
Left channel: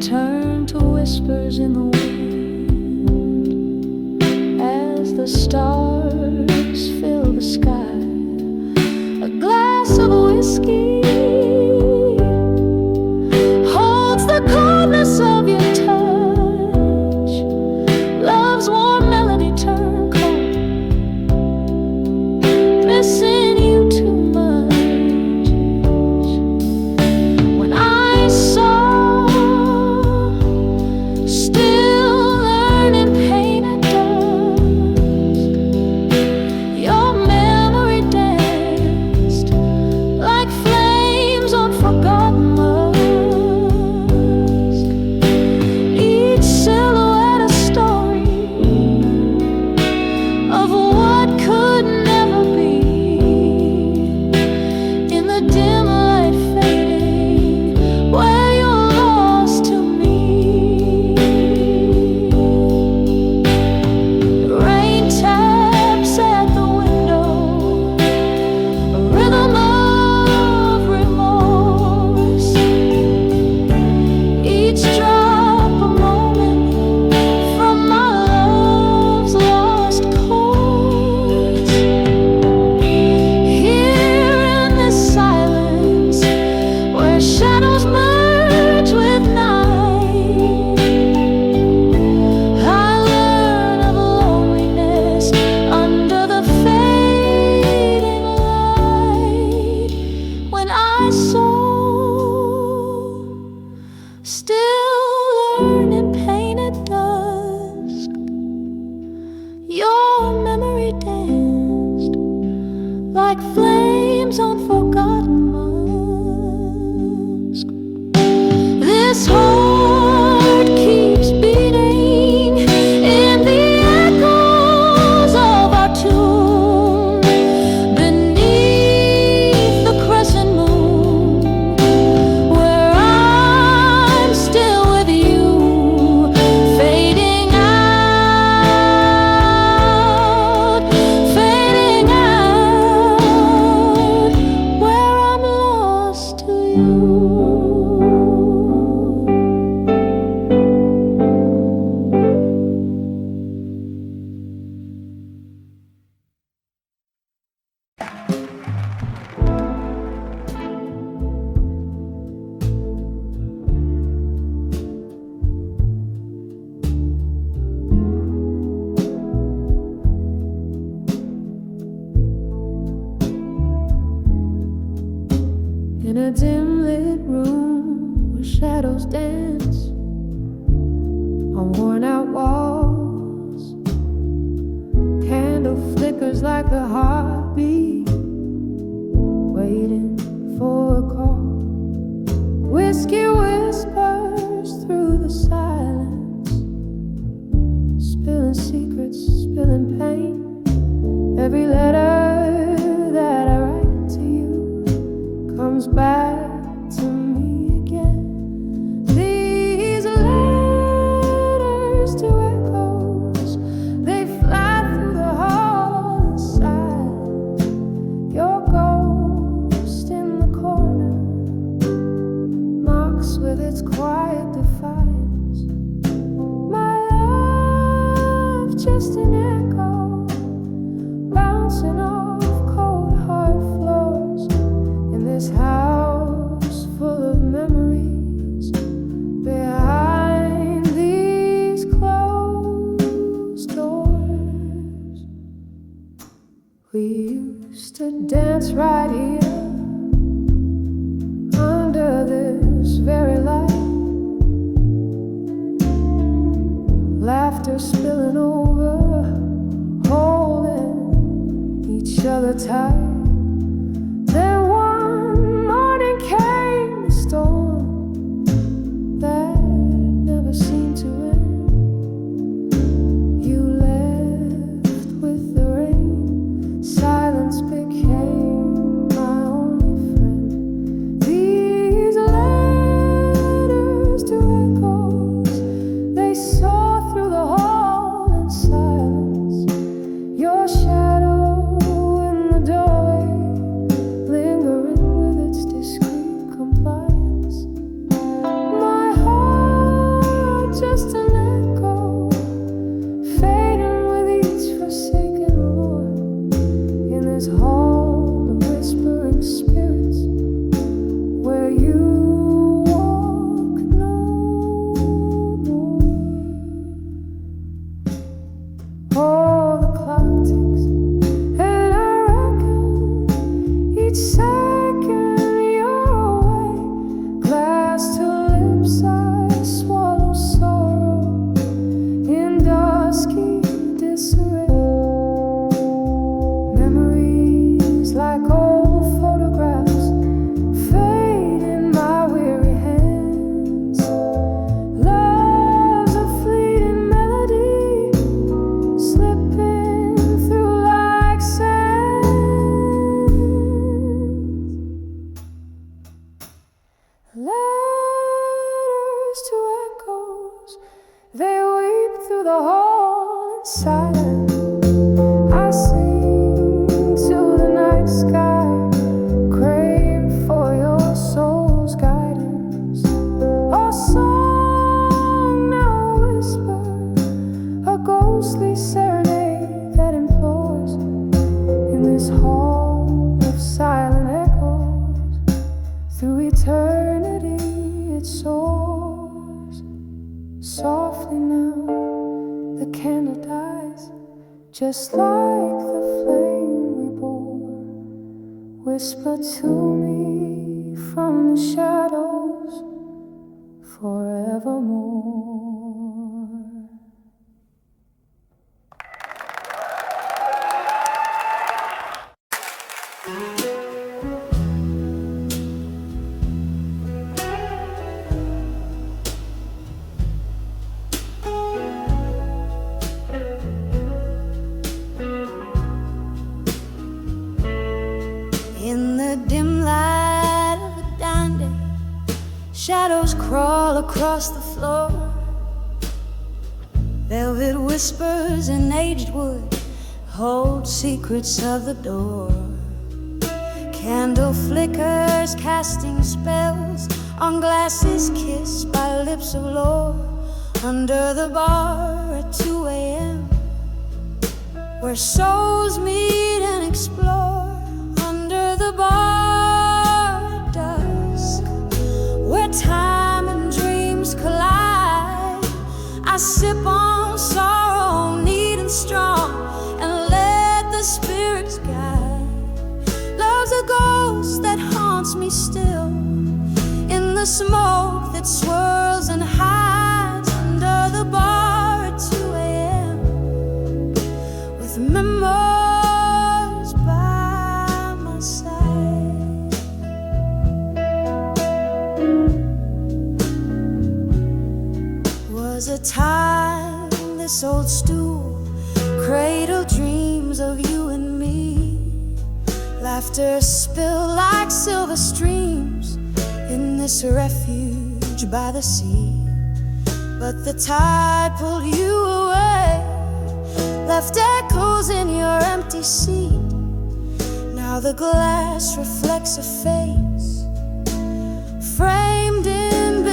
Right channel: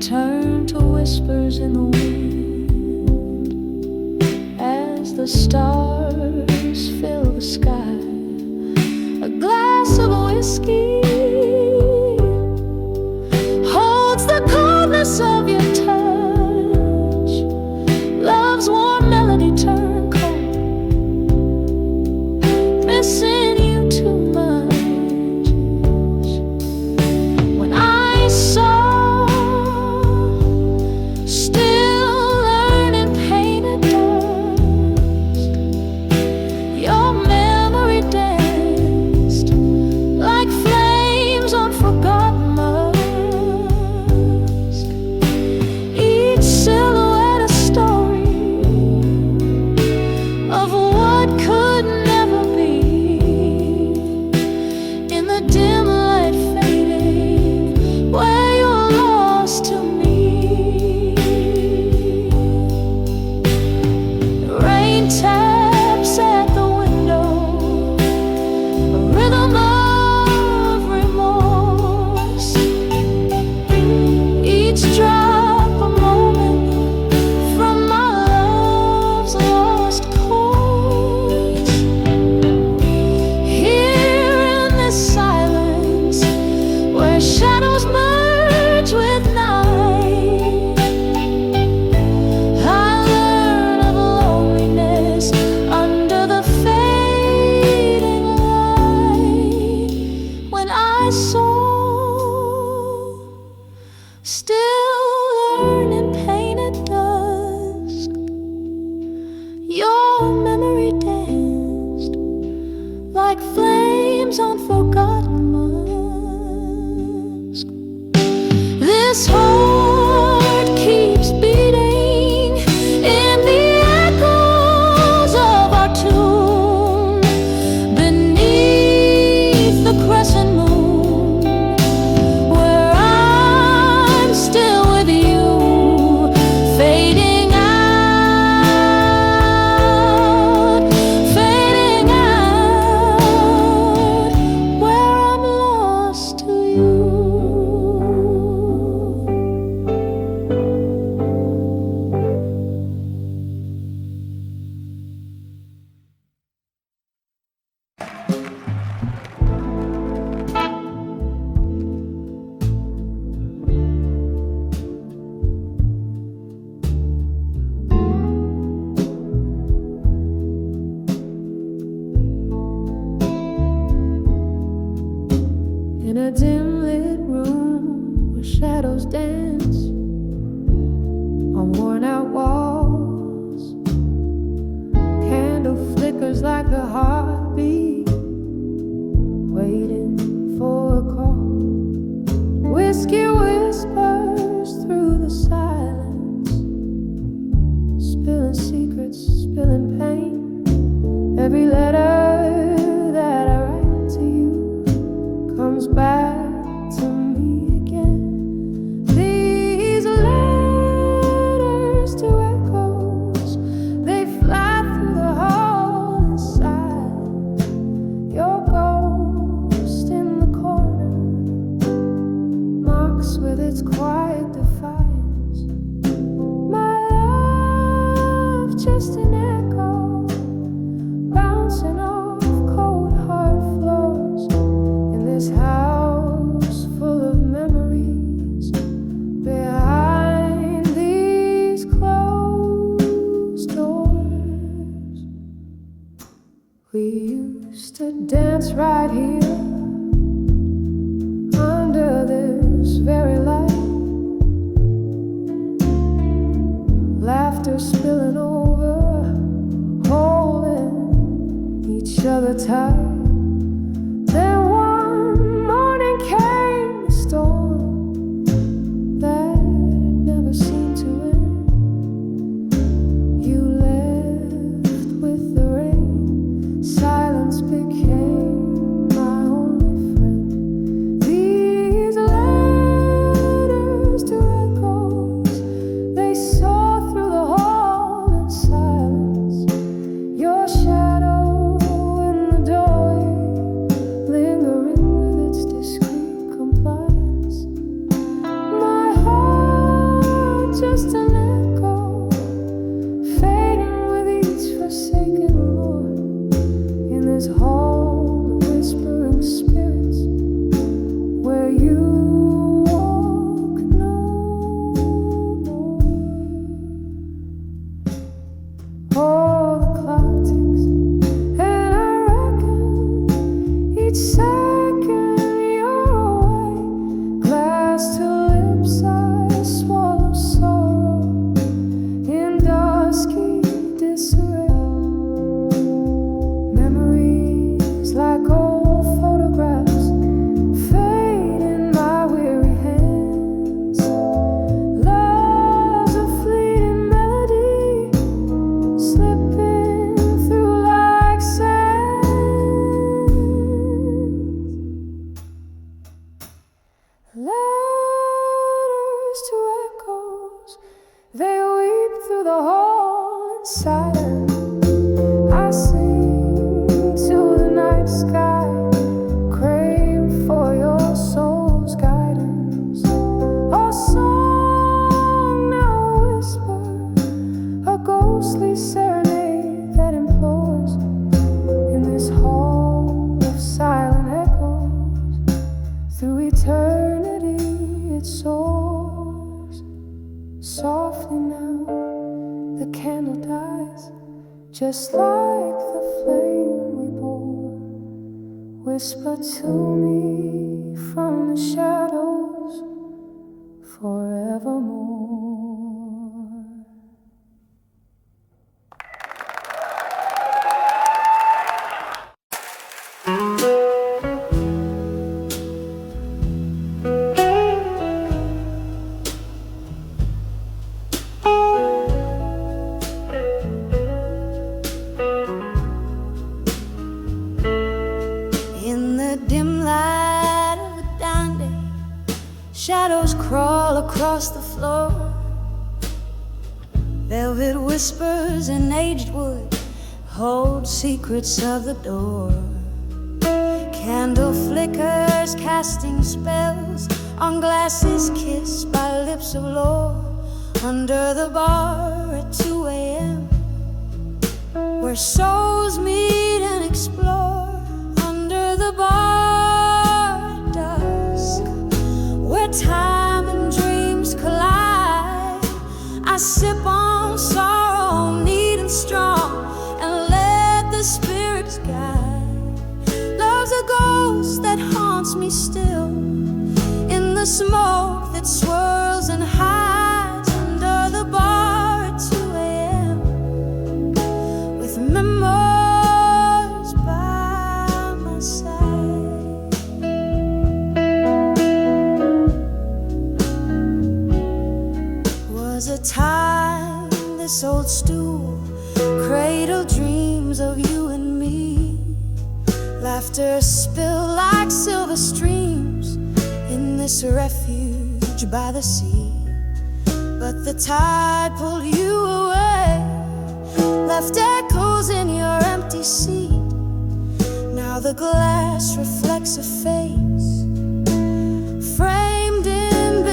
turn to whispers in the wind as the stars fill the sky. A glass of whiskey holds the coldness of your touch. Love's warm melody turned cold, missing you too much. When I saw, still learning pain at dusk, your memory danced like flames on forgotten musk. Each silhouette a story of what could never be. In the dim light fading, where you're lost to me. Rain taps at the window, a rhythm of remorse. Each drop a moment from my love's lost chords. Here in this silence, where shadows merge with night, I learn of loneliness under the fading light. When I saw, still learning pain at dusk, your memory danced like flames on forgotten musk. This heart keeps beating in the echoes of our tune, beneath the crescent moon, where I'm still with you, fading out, where I'm lost to you. In a dim lit room where shadows dance on worn out walls, candle flickers like a heartbeat waiting for a call. Whiskey whispers through the silence, spilling secrets, spilling pain. Every letter that I write to you comes back to me again. These letters to echoes, they fly through the hall inside. Your ghost in the corner, my looks with its quiet defiance. My love, just an echo, bouncing off cold hard floors in this house full of memories. Behind these closed doors, we used to dance right here under this very light. Laughter spilling over, holding each other tight. Then one morning came a storm that never seemed to end. You left with the rain, silence became my only friend. These letters to echoes, they soar through the hall in silence. Your shadow in the doorway, lingering with its discreet compliance. My heart, just an echo, fading with each forsaken Lord. In this hall of whispering spirits, where you walk no more. Oh, the clock ticks, and I reckon each second you're away. Glass to lips, I swallow sorrow in dusky disarray. Memories like old photographs fade in my weary hands. Love's a fleeting melody, slipping through like sand. Letters to echoes, they weep through the hall in silence. I sing to the night sky, crave for your soul's guidance. A song now whisper, a ghostly serenade that implores. In this hall of silent echoes, through eternity it soars. Softly now the candle dies, just like the flame we bore. Whisper to me from the shadows forevermore. In the dim light of a dawn day, shadows crawl across the floor. Velvet whispers in aged wood hold secrets of the door. Candle flickers casting spells on glasses kissed by lips of lore. Under the bar at 2 a.m., where souls meet and explore. Under the bar at dusk, where time and dreams collide, I sip on sorrow, neat and strong, and let the spirits guide. Love's a ghost that haunts me still, in the smoke that swirls and hides. Under the bar at 2 a.m., with memories by my side. Was a time this old stool cradled dreams of you and me. Laughter spilled like silver streams in this refuge by the sea. But the tide pulled you away, left echoes in your empty seat. Now the glass reflects a face framed in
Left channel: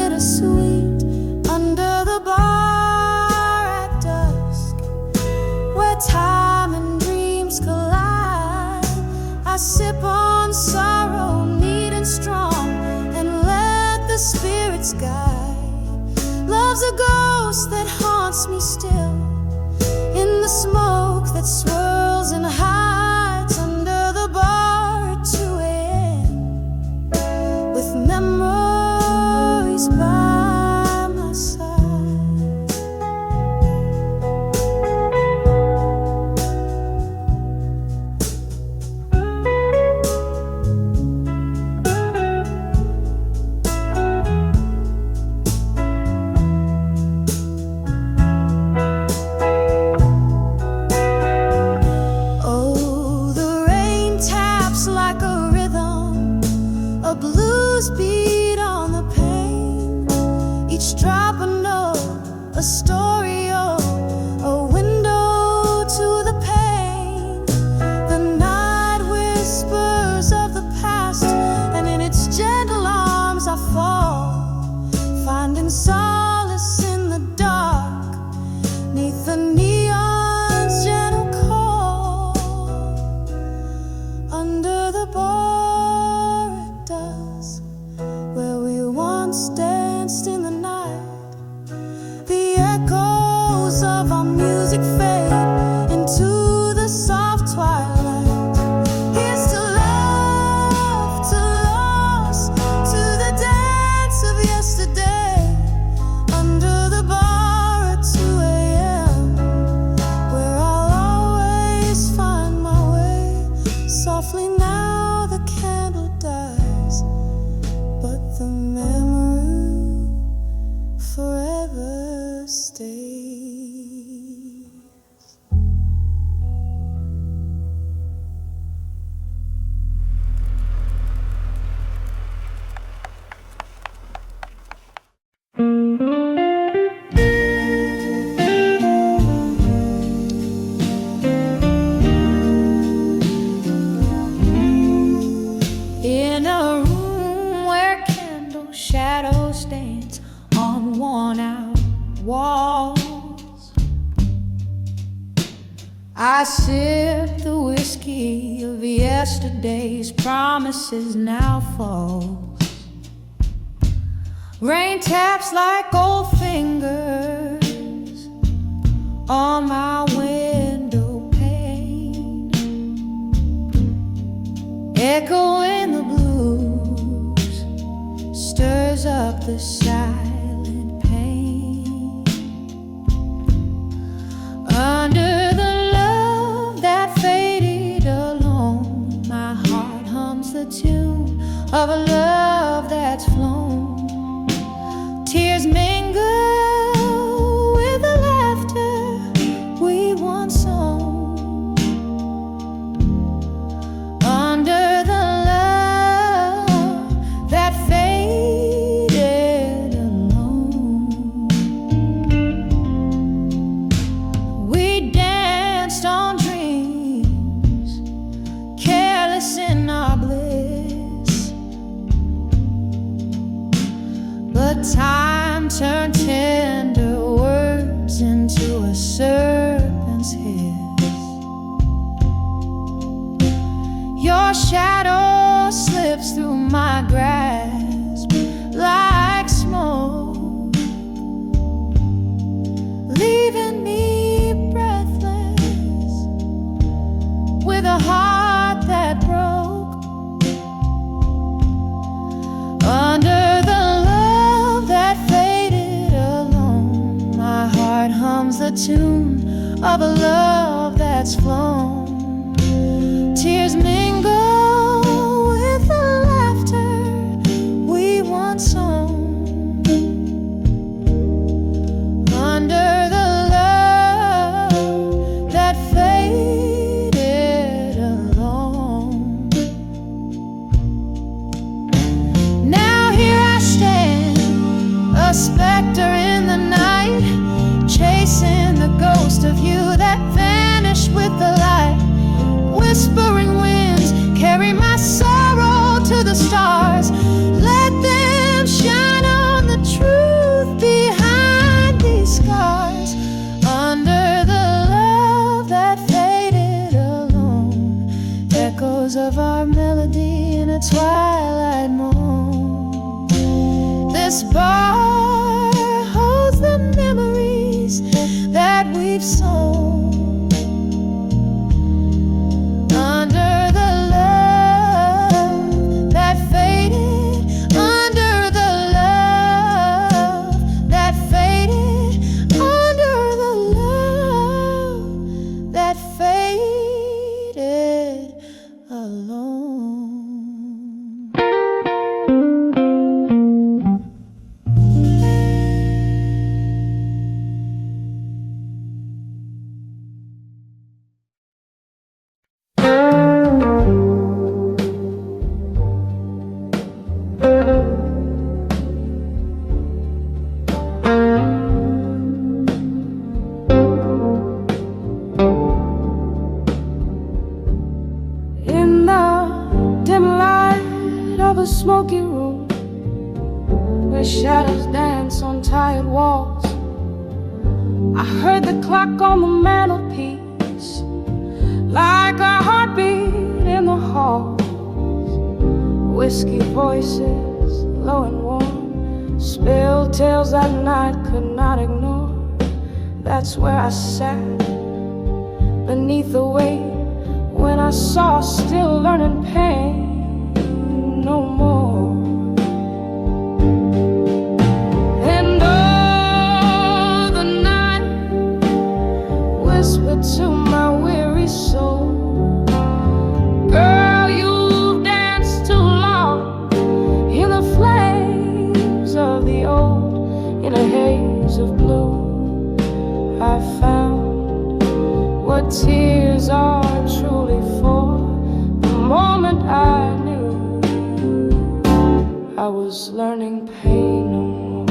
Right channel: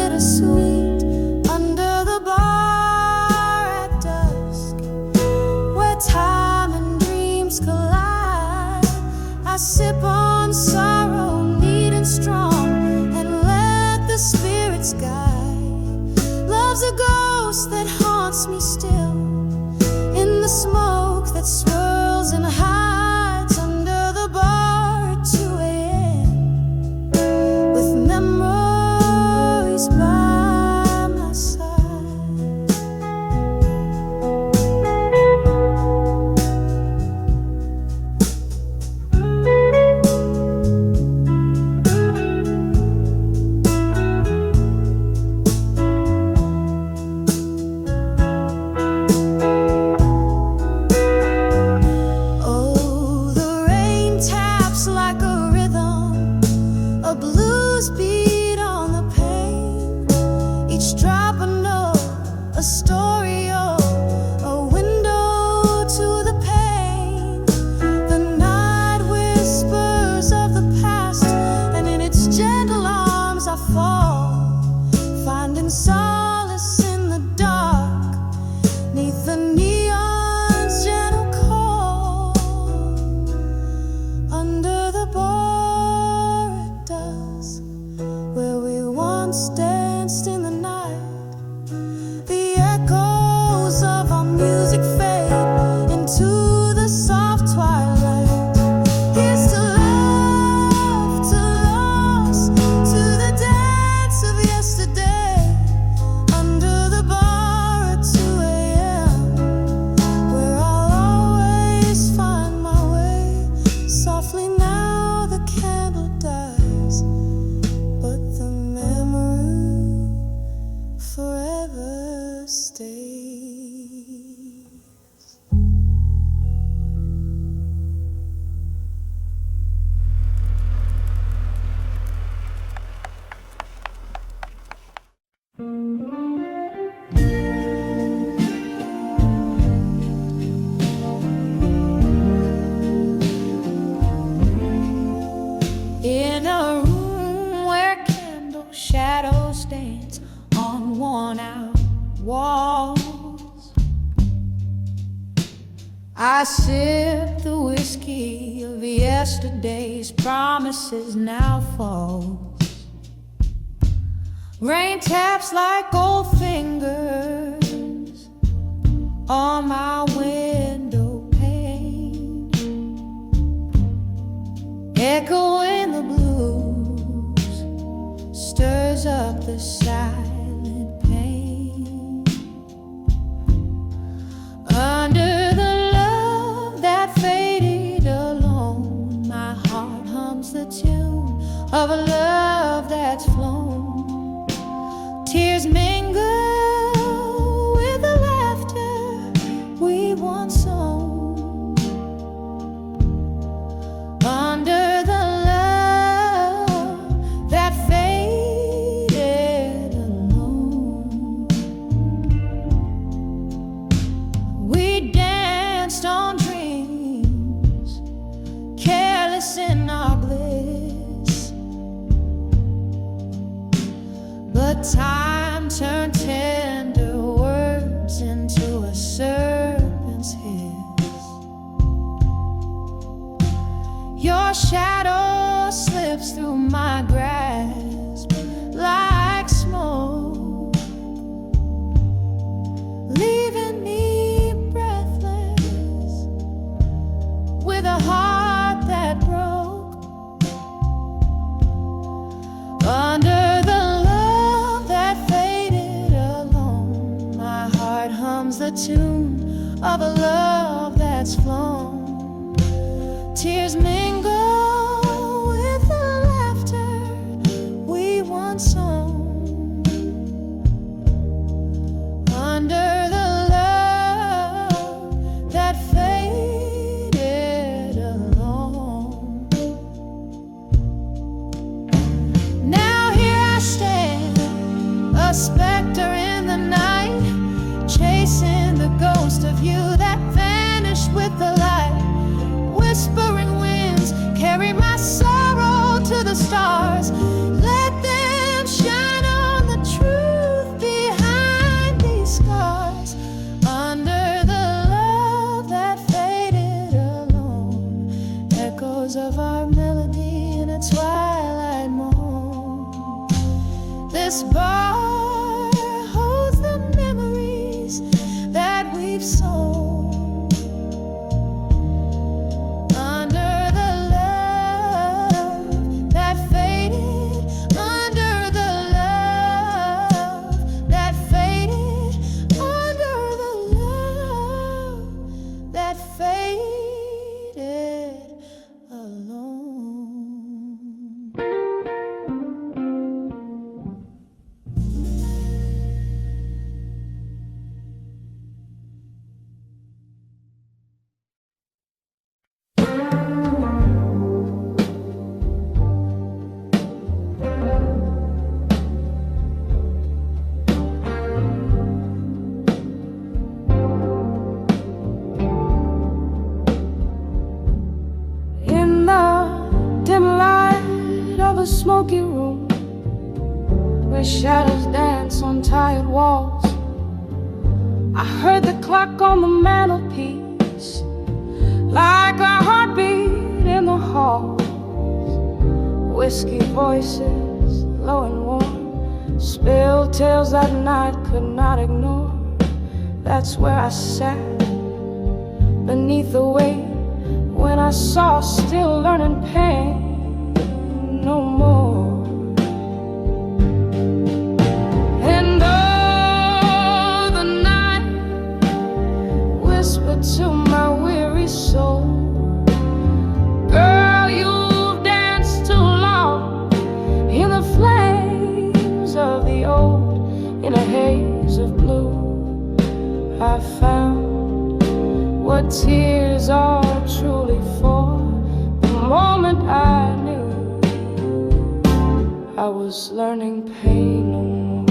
strong and let the spirits guide. Love's a ghost that haunts me still, in the smoke that swirls and hides under the bar at 2 a.m. with memories by my side. A blues beat on the pane, each drop a note, a story, oh, a window to the pain. The night whispers of the past, and in its gentle arms I fall, finding solace in the dark, 'neath the neon's gentle call, under the bar where we once danced in the night. The echoes of our music fade into the soft twilight. Here's to love, to lost, to the dance of yesterday, under the bar at 2 a.m., where I'll always find my way. Softly now the candle dies, but the memory forever stays. In a room where shadows dance on worn-out walls, I sip the whiskey of yesterday's promises now falls. Rain taps like gold fingers on my window pane, echoing the blues, stirs up the silent pain. Under the love that faded alone, my heart hums the tune of a love that's flown. Tears mingle with the laughter we once sown. Under the love that faded alone, we danced on dreams, careless in our bliss. But time turned tender words into a serpent's hiss. Your shadow slips through my grasp like smoke, leaving me breathless with a heart that broke. Under the love that faded alone, my heart hums the tune of a love that's flown. Tears mingle with the laughter we once sown. Under the love that faded alone. Now here I stand, a specter in the night, chasing the ghost of you that vanished with the light. Whispering winds carry my sorrow to the stars. Let them shine on the truth behind these scars. Under the love that faded alone, echoes of our melody in a twilight morning. footprints on tired walls. I heard the clock on the mantelpiece, like a heartbeat in the hall. Whiskey voices, low and warm, spilled tales that night could not ignore. That's where I sat, beneath the weight, when I saw still learning pain no more. And oh, the night whispered to my weary soul, girl, you've danced too long in the flames of the old. In a haze of blue, I found what tears are truly for. The moment I knew I was learning pain no more.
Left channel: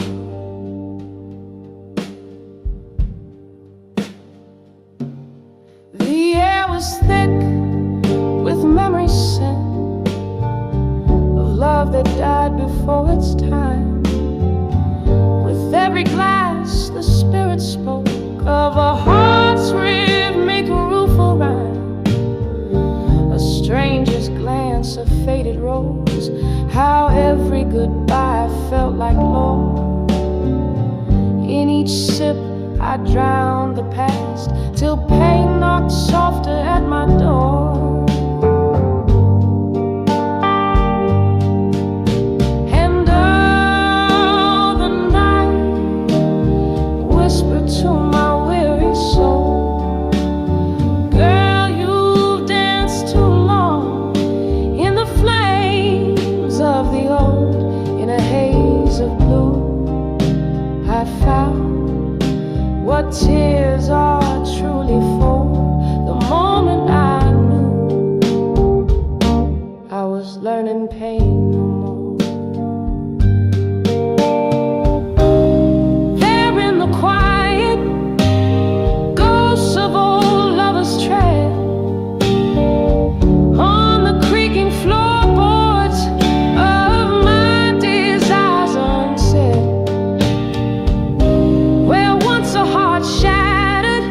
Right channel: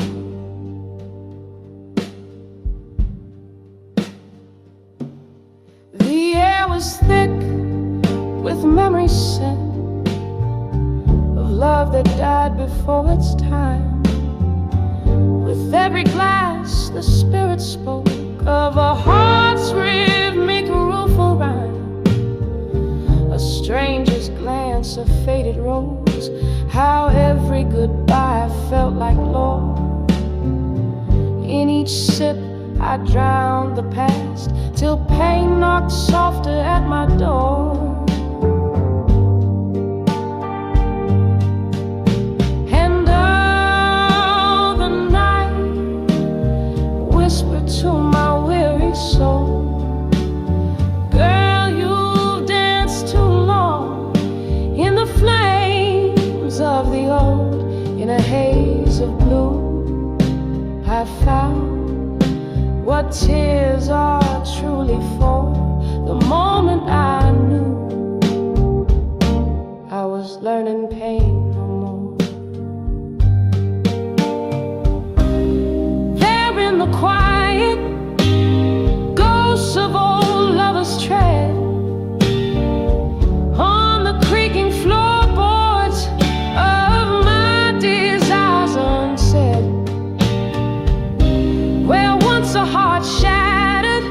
The air was thick with memory scent of love that died before its time. With every glass the spirit spoke of a heart's rhythmic rueful rhyme. A stranger's glance, a faded rose, how every goodbye felt like lore. In each sip I drowned the past, till pain knocked softer at my door. And oh, the night whispered to my weary soul, girl, you've danced too long in the flames of the old. In a haze of blue, I found what tears are truly for. The moment I knew I was learning pain no more. There in the quiet, ghosts of old lovers tread on the creaking floorboards of my desires unsaid. Where once a heart shattered,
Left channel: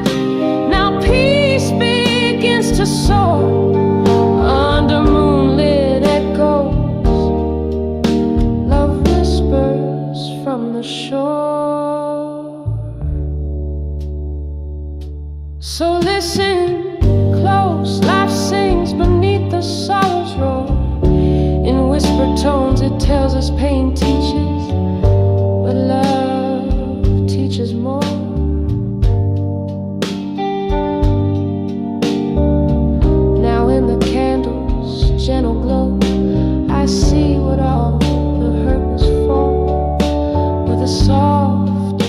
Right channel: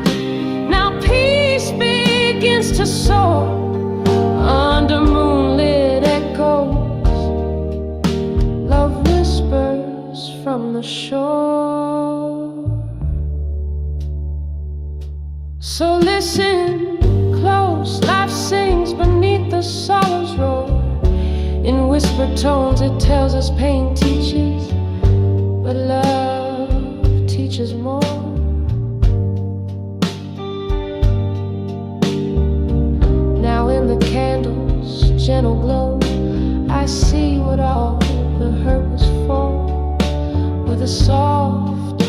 now peace begins to soar under moonlit echoes. Love whispers from the shore. So listen close, life sings beneath the sorrow's roar. In whispered tones it tells us pain teaches, but love teaches more. Now in the candle's gentle glow, I see what all the hurt was for. With a soft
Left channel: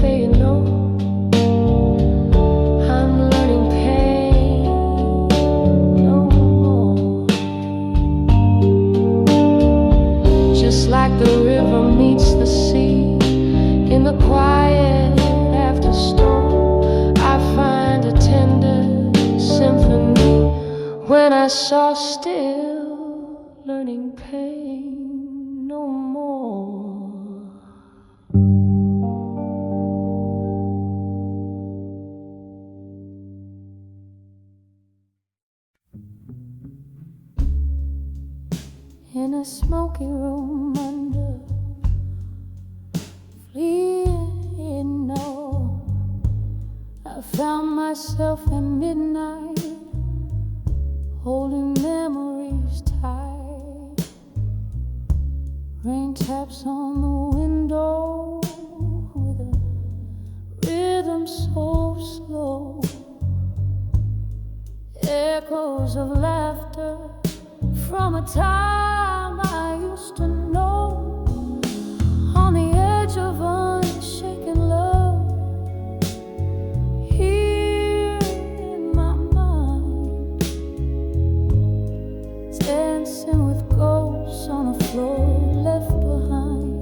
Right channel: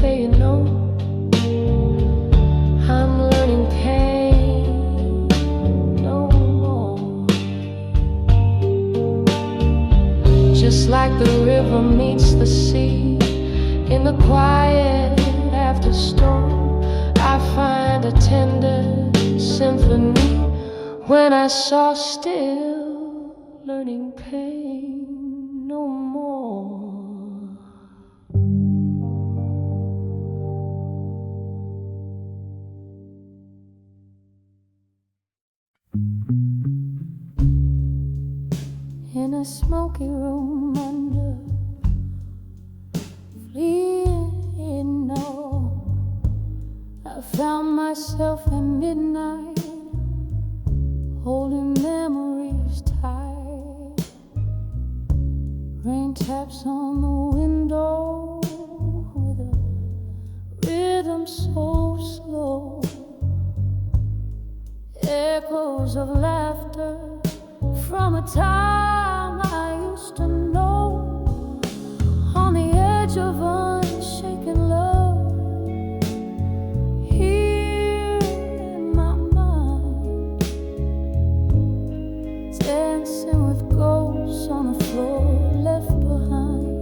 fading note, I'm learning pain no more. Just like the river meets the sea, in the quiet after storm, I find a tender symphony. When I saw still learning pain no more. In a smoky room under fleeing no, I found myself at midnight, holding memories tight. Rain taps on the window with a rhythm so slow. Echoes of laughter from a time I used to know. On the edge of unshaken love, here in my mind, dancing with ghosts on a floor left behind.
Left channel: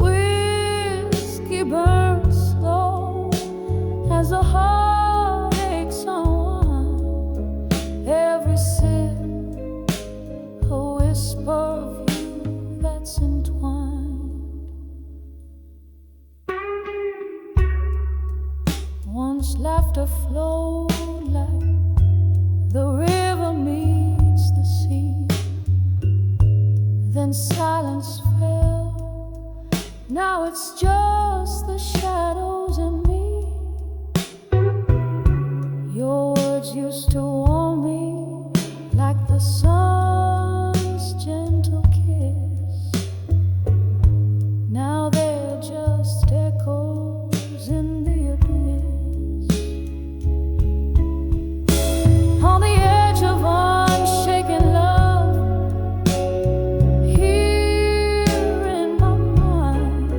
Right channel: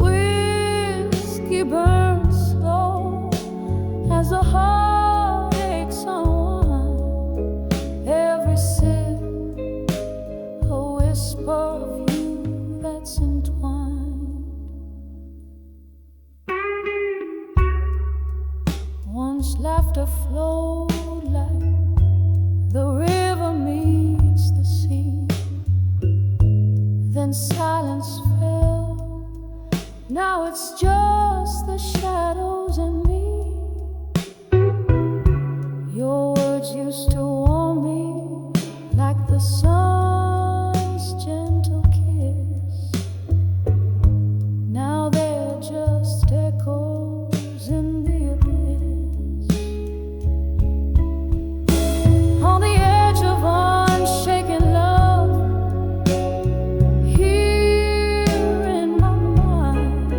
Whiskey burns slow as the heartaches unwind. Every sip, a whisper of you that's entwined. Once laughter flowed like the river meets the sea. Then silence fell. Now it's just the shadows and me. Your words used to warm me like the sun's gentle kiss. Now they're just echoes in the abyss. On the edge of unshaken love, here in my mind,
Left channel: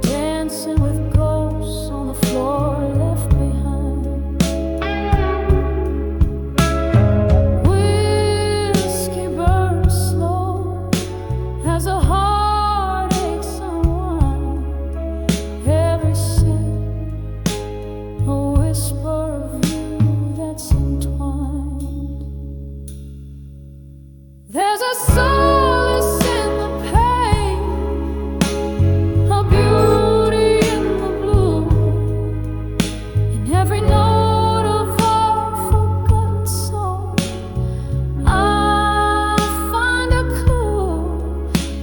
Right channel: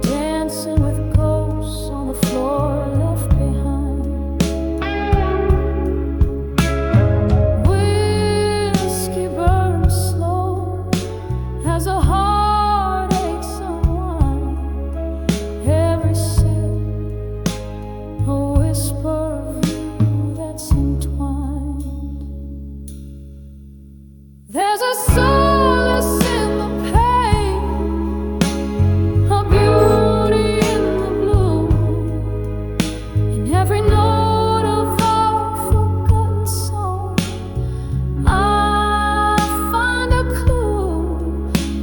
dancing with ghosts on the floor left behind. Whiskey burns slow as a heart aches unwind. Every sip, a whisper of you that's entwined. There's a solace in the pain, a beauty in the blue, in every note of our forgotten song. I find a clue,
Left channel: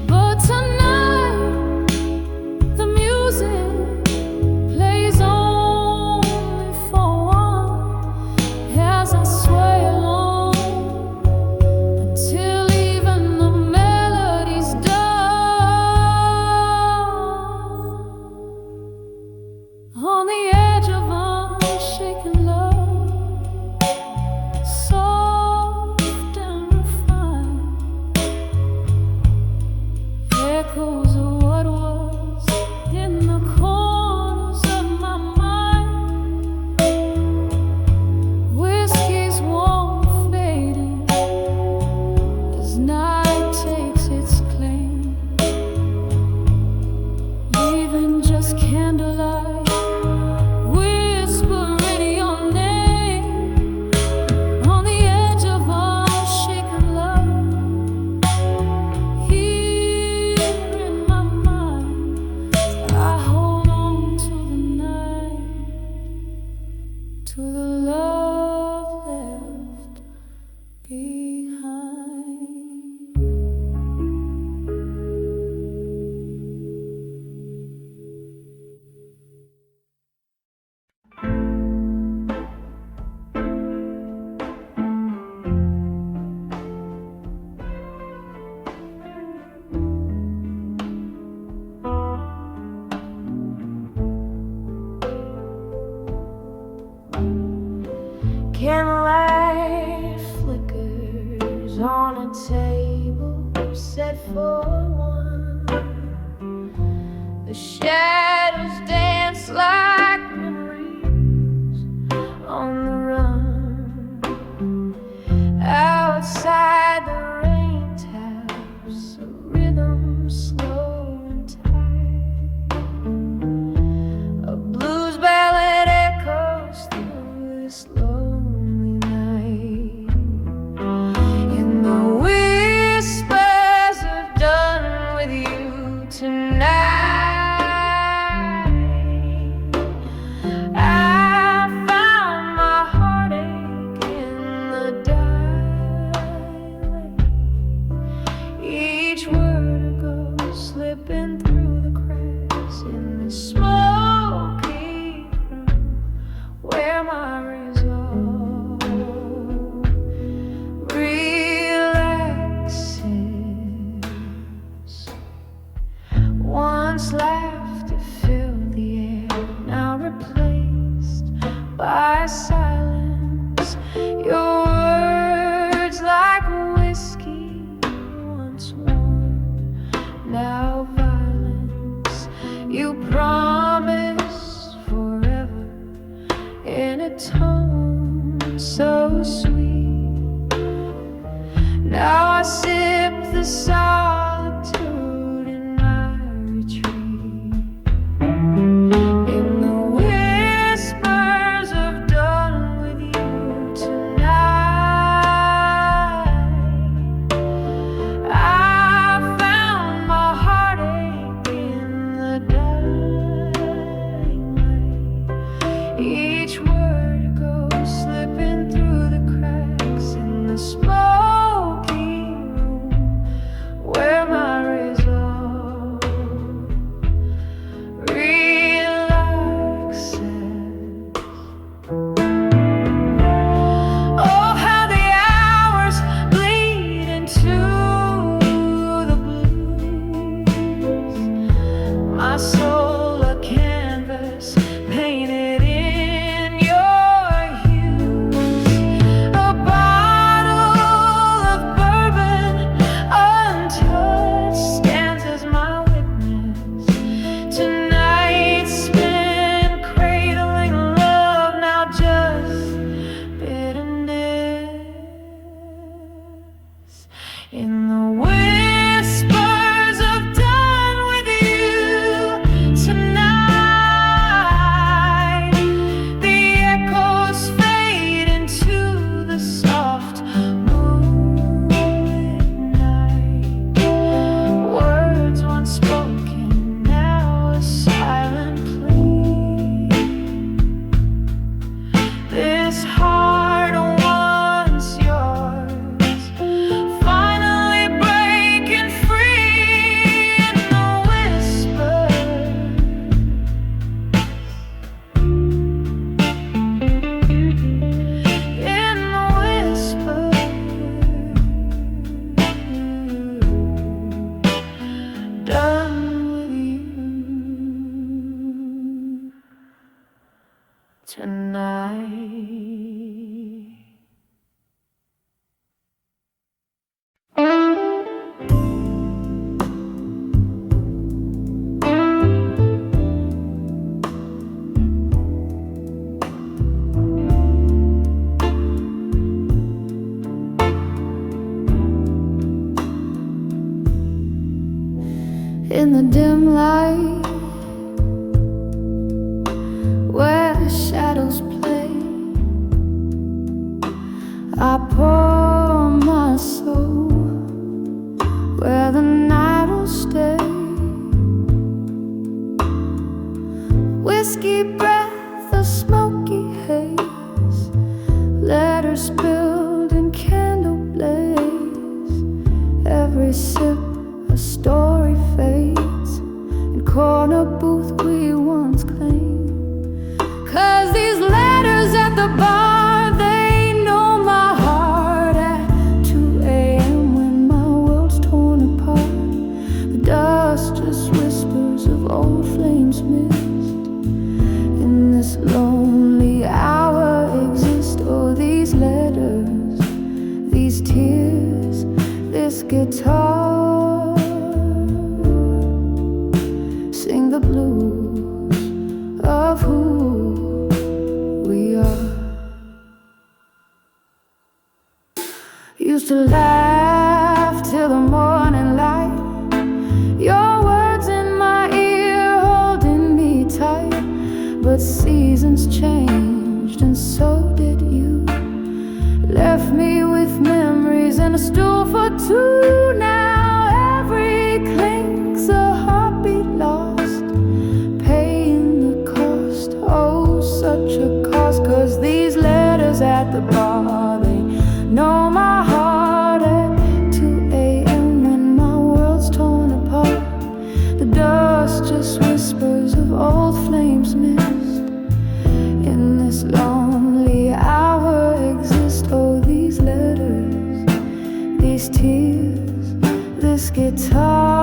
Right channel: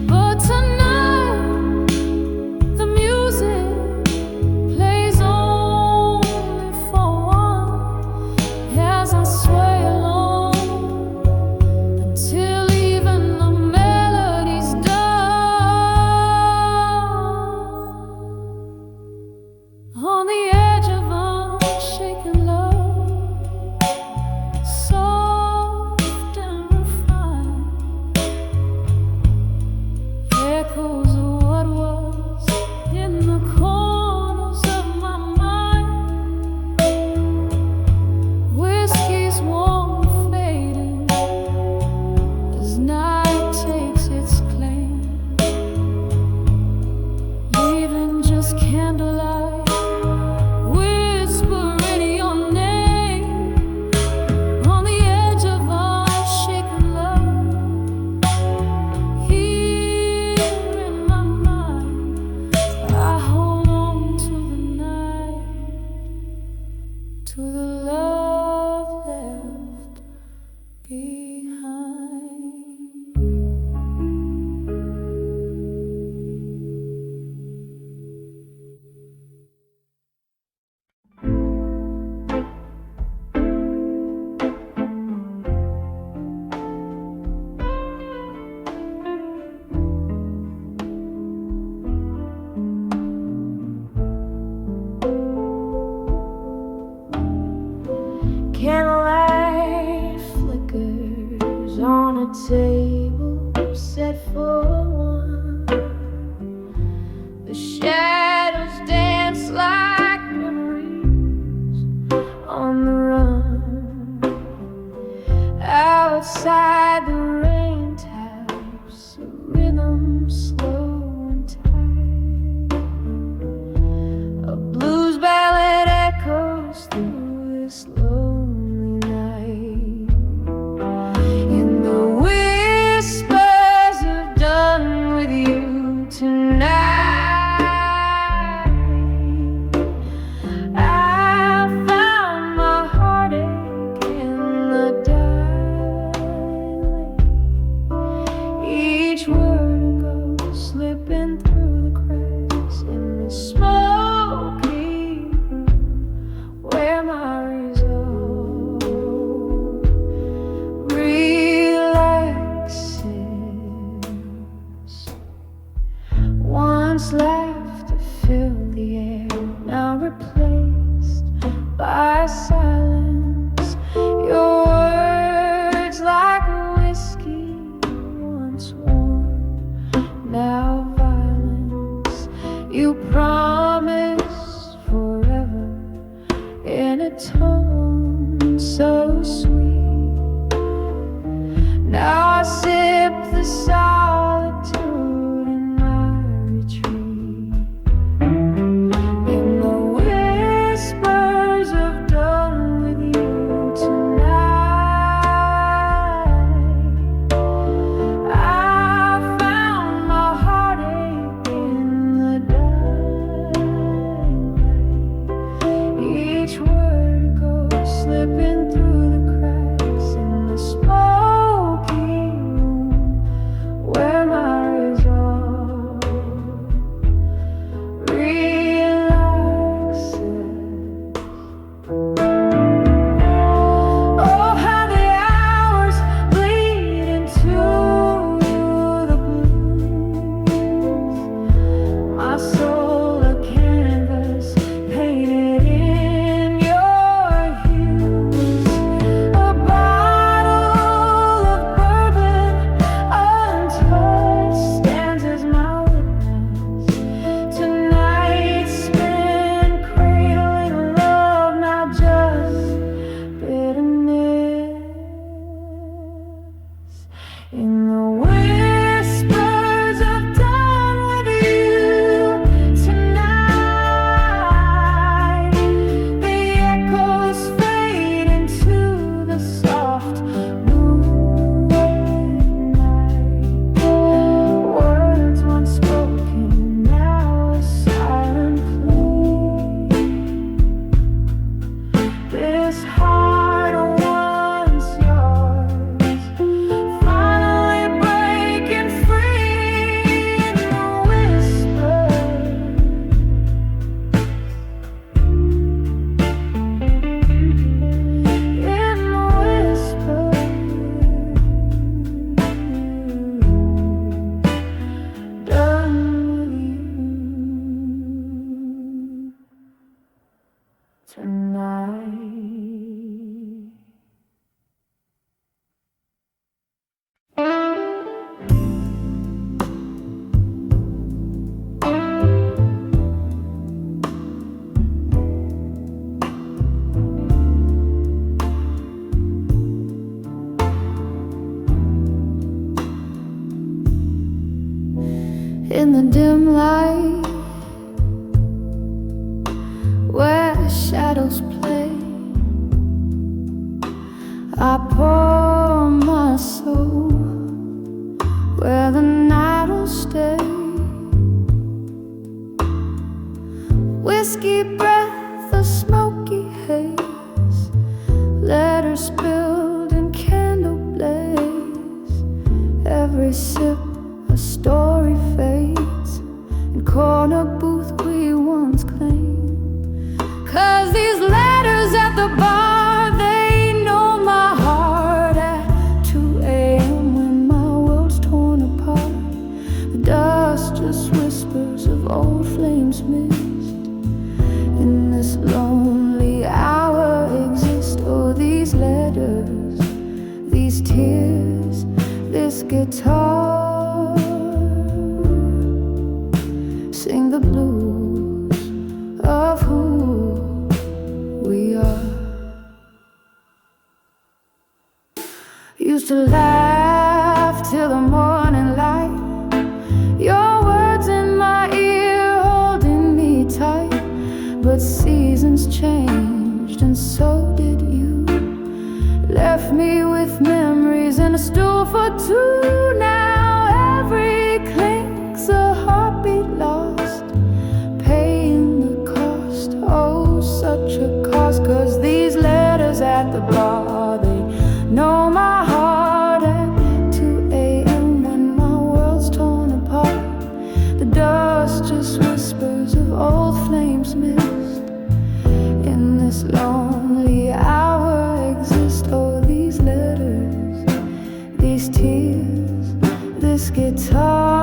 but tonight the music plays only for one, as I sway along until even the melody's done. On the edge of unshaken love, soft and refined, echoes of what was in the corners of my mind. Whiskey's warm fading as night takes its claim, leaving just candlelight whispering your name. On the edge of unshaken love, here in my mind, I hold on to the night, to the love left behind. Candlelight flickers on a table set for one. The shadows dance like memories on the run. Outside the rain taps a rhythm slow and tight. A blues ballad echoes through this lonely night. In the whispers of done with you tonight, I found my heartache in the dilate. Each word a ghost slipping through the cracks in the smoky room where my resolve relaxes. Once laughter filled the air, now replaced by silence. Your words like whiskey, once warm, now violence. You promise forever in a tone so sweet. Now I sip the solitude in my retreat. In the whispers of done with you tonight, I in the dim light where shadows play. I pour my soul where the night will stay. Whiskey breath, a smoky haze, letters spilled in candle blaze. Every sip a story fades in corner booth we once claimed. 'Cause these letters at the bar, they know my heart at 2 a.m. when my world's torn apart. The dust just whispers of old flames missed. In this lonely hour exist, oh, these letters, these tears, this guitar. Sing the blues of who we are. Used to laugh till the morning light, your words in my ear holding me tight. But seasons changed and so did you. Left me with memories and a stool for two. Now every clink's a heartbeat lost, paying the cost. Oh, such a cost. 'Cause these letters at the bar, they know my heart at 2 a.m. when my world's torn apart. The dust just whispers of old flames missed. In this lonely hour exist, oh, these letters, these tears, this guitar.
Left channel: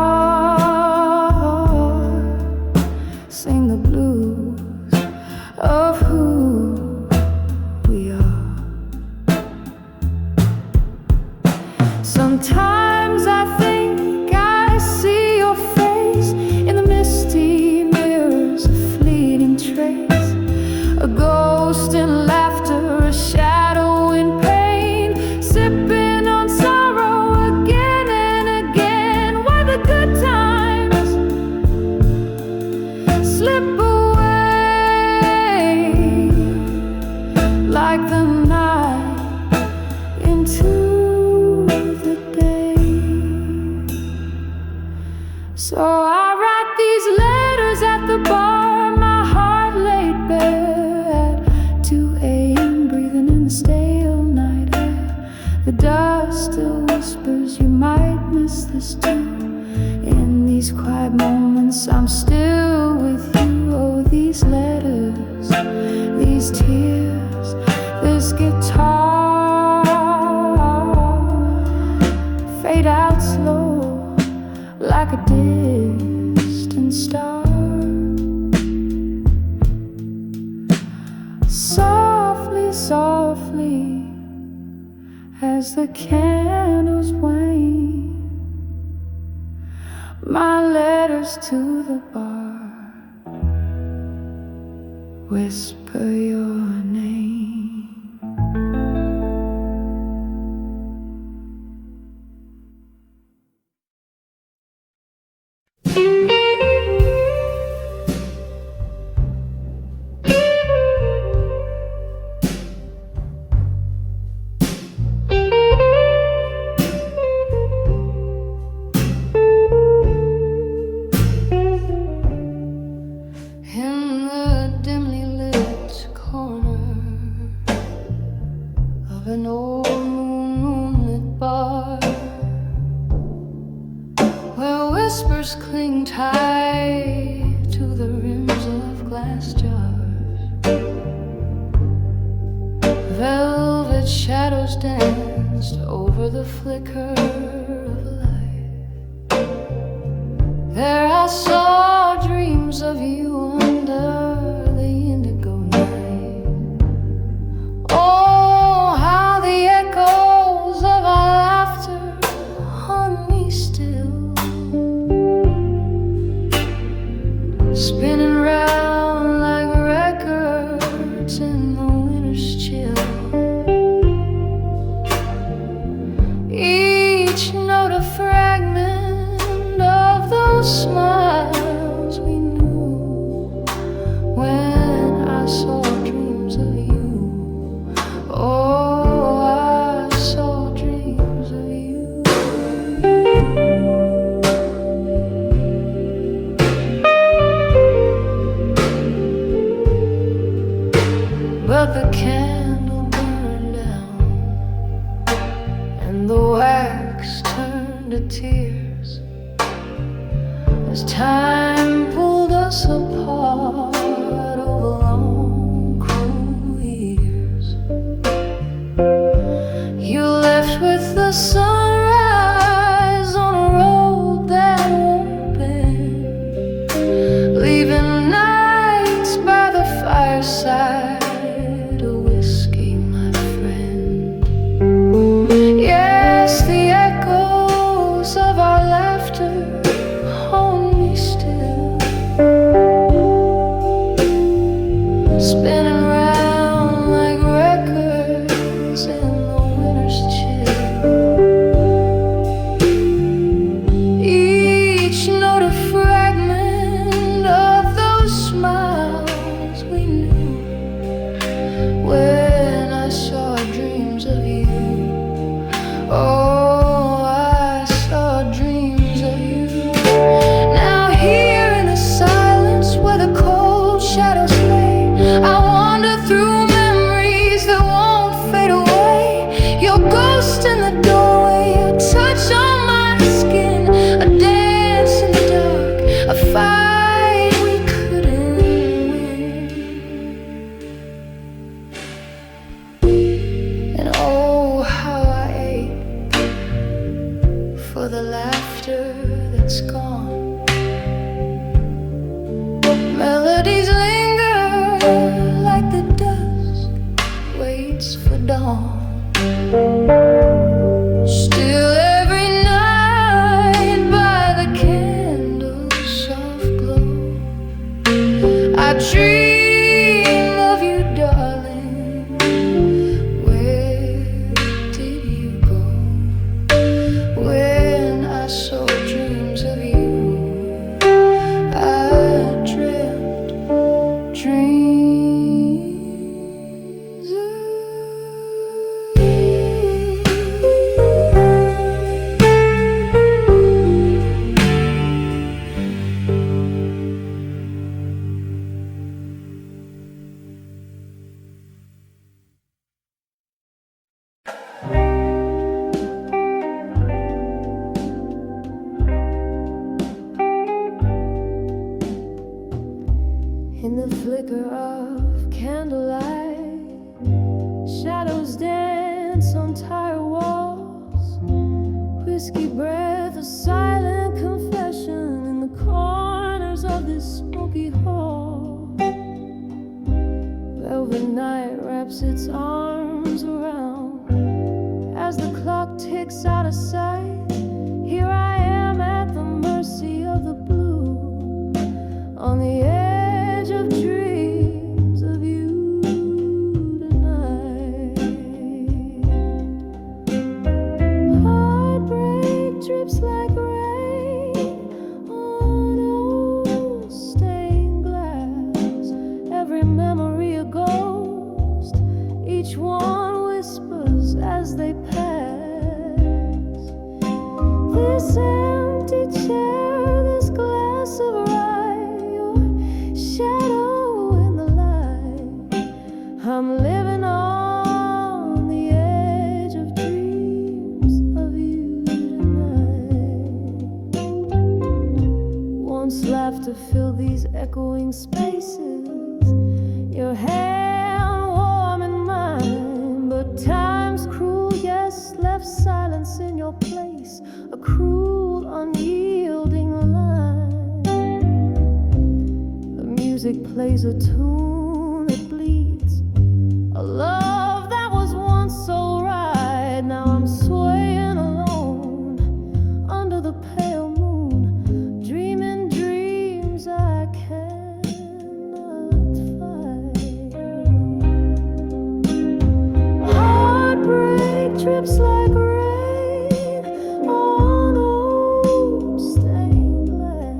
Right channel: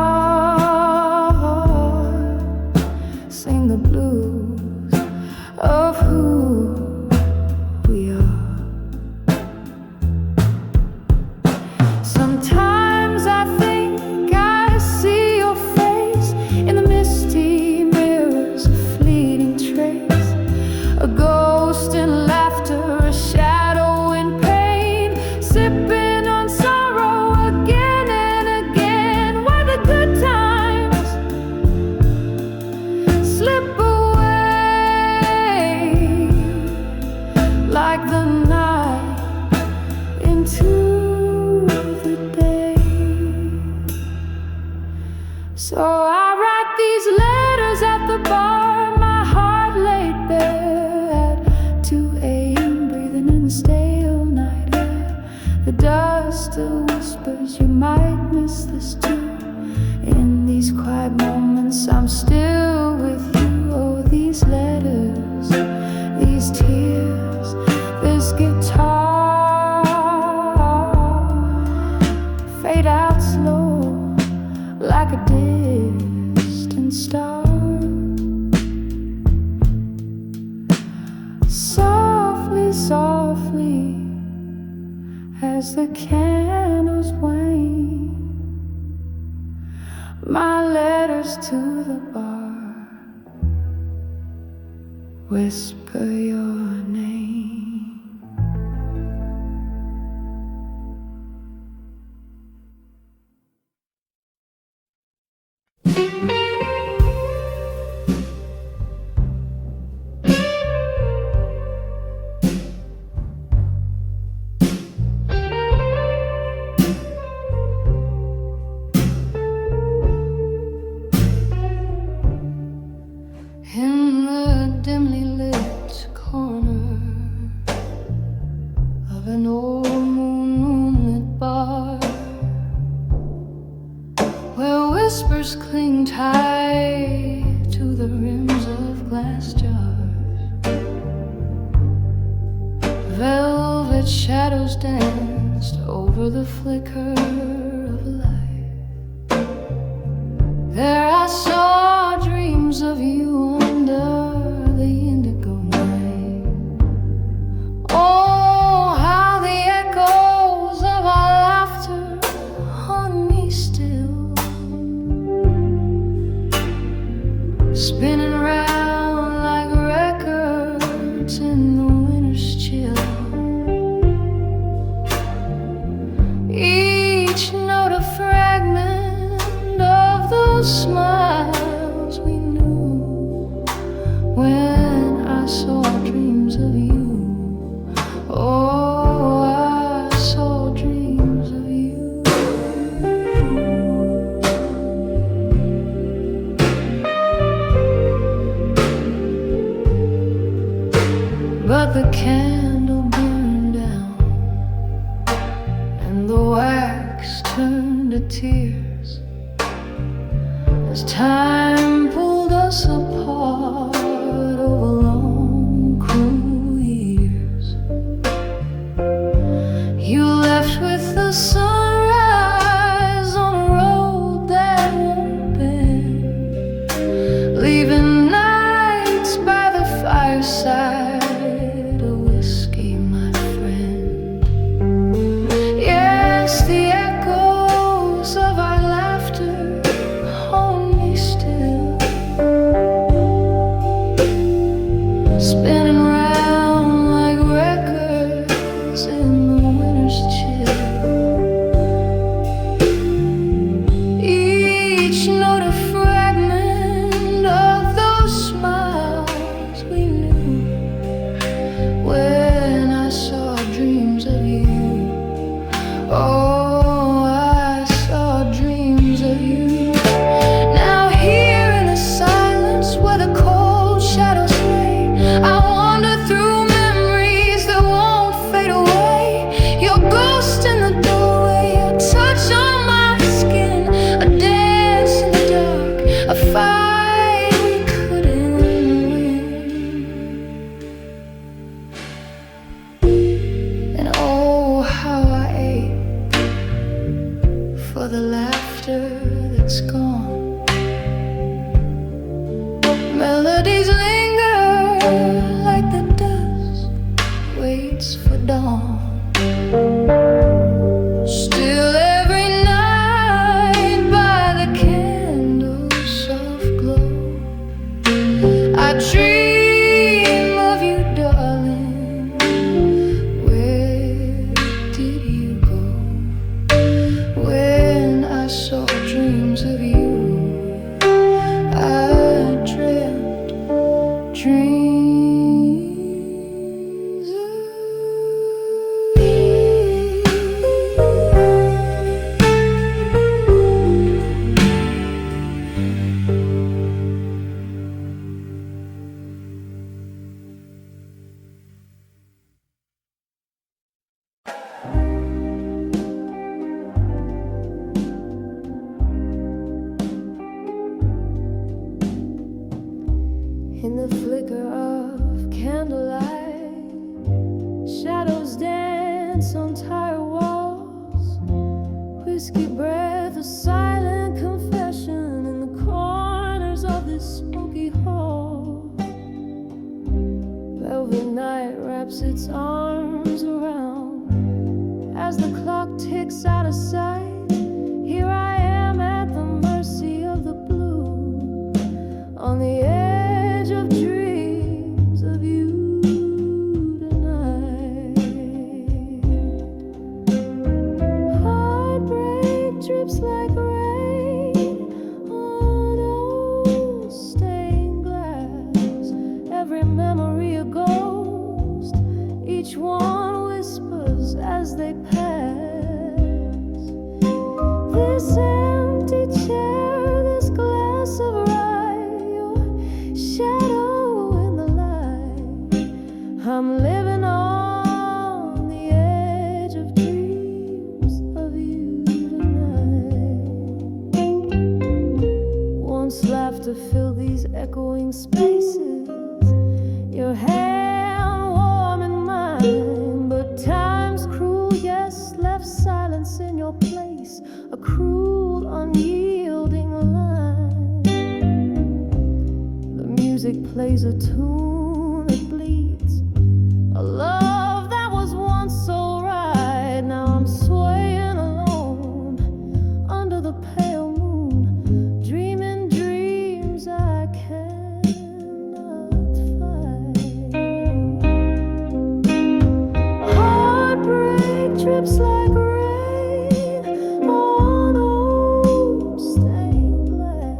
Sing the blues of who we are. Sometimes I think I see your face in the misty mirrors, a fleeting trace, a ghost in laughter, a shadow in pain, sipping on sorrow again and again. Why the good times slip away like the night into the day. So I write these letters at the bar, my heart laid bare. 2 a.m. breathing in the stale night air. The dust still whispers you might miss this too. In these quiet moments I'm still with you. Oh, these letters, these tears, this guitar fade out slow like a distant star. Softly, softly, as the candles wane, my letters to the bar whisper your name. In the dimly lit corner of an old moonlit bar, where whispers cling tight to the rims of glass jars, velvet shadows danced over the flicker of a light. There I saw dreams of you under the indigo night. Oh, how the echoes of our laughter haunt me still, spinning round like records in the winter's chill. Each note a fragment of the those smiles we knew when I saw dreams of you. Oh, I saw dreams of you. But the candle burned down, and the wax turned to tears as time pulled us apart over long, cruel years. You left with the sunrise on a road that won't bend, leaving nights by the fireside, a whiskey, my friend. Yes, the echoes of our laughter haunt me still, spinning round like records in the winter's chill. Each note a fragment of those smiles we knew when I saw dreams of you. Oh, I saw dreams of you. Now here in the silence where the cold shadows lay, I wander through memories that won't fade away. Your ghost in the doorway, your touch on my skin, a dance in the dark, a fight we couldn't win. And oh, how I ache for the laughter that's gone. Melodies linger like the dust waits for dawn. Still every night by the candle's soft glow, I dream of you, darling. Where did you go when I saw dreams of you? I dreamt dreams of you. In the flicker of candlelight, shadows dance on tired walls. Whiskey breath, a silent confession in the corners of this smoky hall. Velvet night wraps its arms around as the clock ticks out of sight. Here I am at the mercy of the blue, on the edge of dreams of you tonight. Heartbreak drips like rain on old stained glass, every memory a ghost, each one whispers as they pass. This empty chair, this glass of rye, your shadow in the light. I'm living on the edge of dreams of you tonight. Once laughter filled these echoing spaces, your hand warm in mine, but time's cruel, yes, left silence in your place, a cruel, unyielding line. The music plays a tune that bleeds, a love that was once so right. Now I'm swaying alone under the pale moon, dreaming dreams I cannot fight. Heartbreak drips like rain on old stained glass,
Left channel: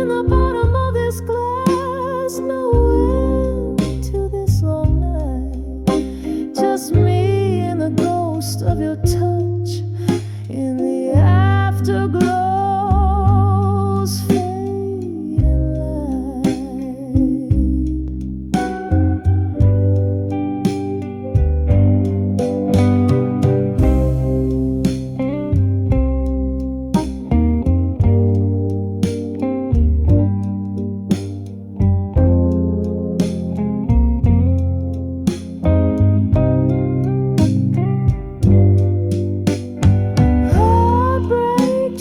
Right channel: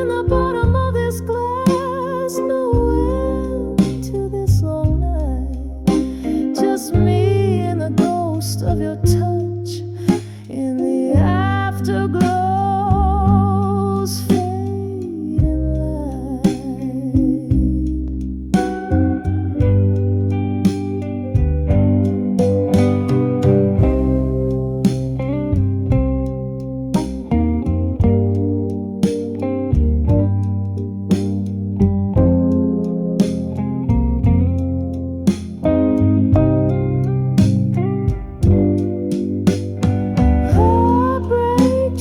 in the bottom of this glass. No end to this long night. Just me and the ghost of your touch in the afterglow's fading light.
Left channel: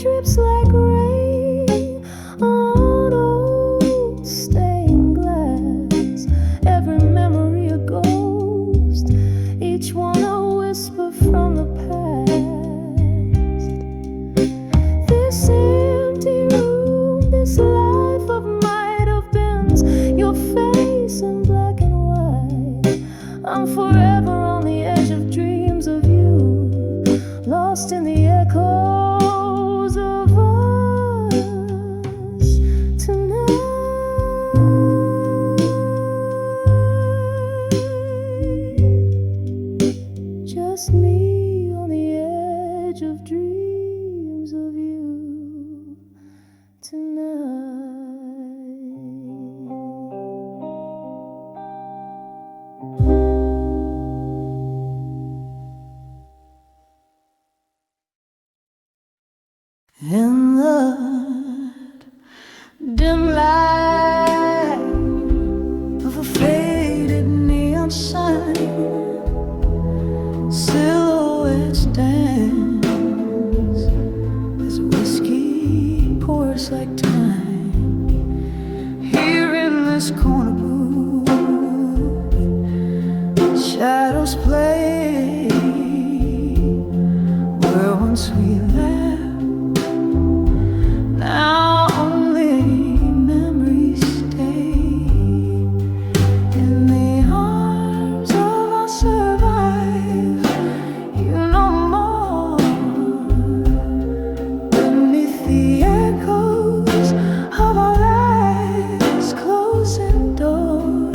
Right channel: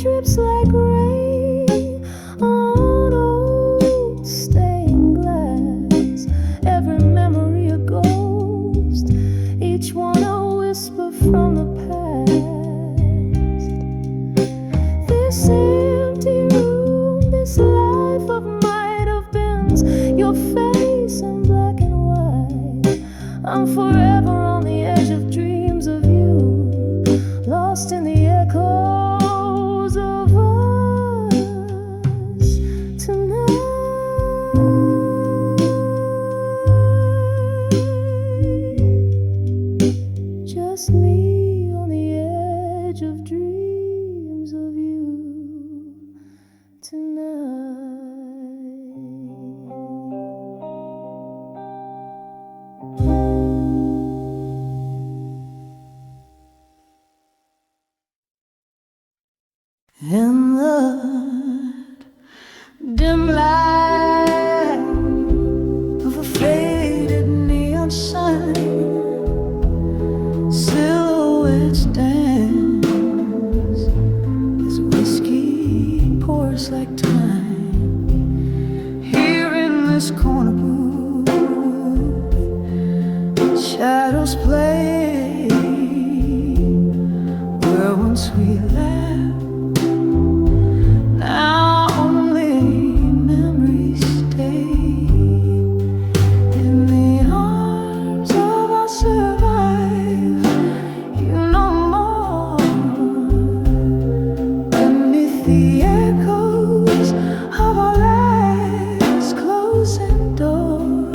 Drips like rain on old stained glass. Every memory a ghost, each one a whisper from the past. This empty room, this life of might have beens, your face in black and white. I'm forever on the edge of dreams of you, lost in the echoes of us tonight. Just me on the edge of dreams of you tonight. In the dim light of a faded neon sign, silhouettes dance as whiskey pours like time. Here in this corner booth, shadows play where once we laughed. Now only memories stay in the arms of our survive. You know more beneath the echoes of our last closing door.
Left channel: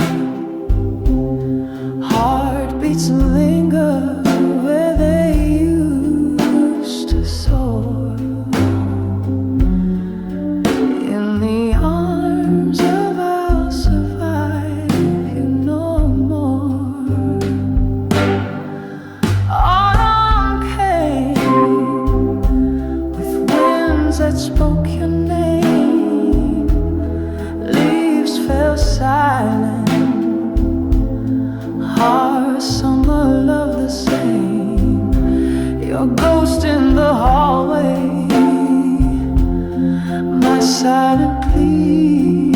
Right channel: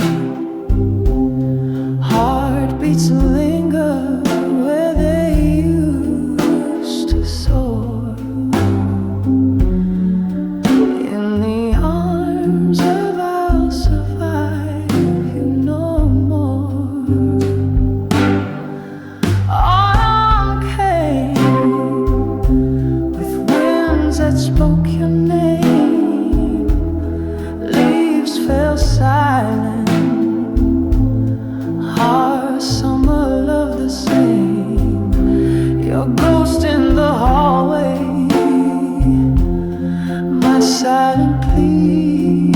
Heartbeats linger where they used to soar. In the arms of I'll survive, you know more. Autumn came with winds that spoke your name. Leaves fell silent, our summer love the same. Your ghost in the hallway, my silent plea,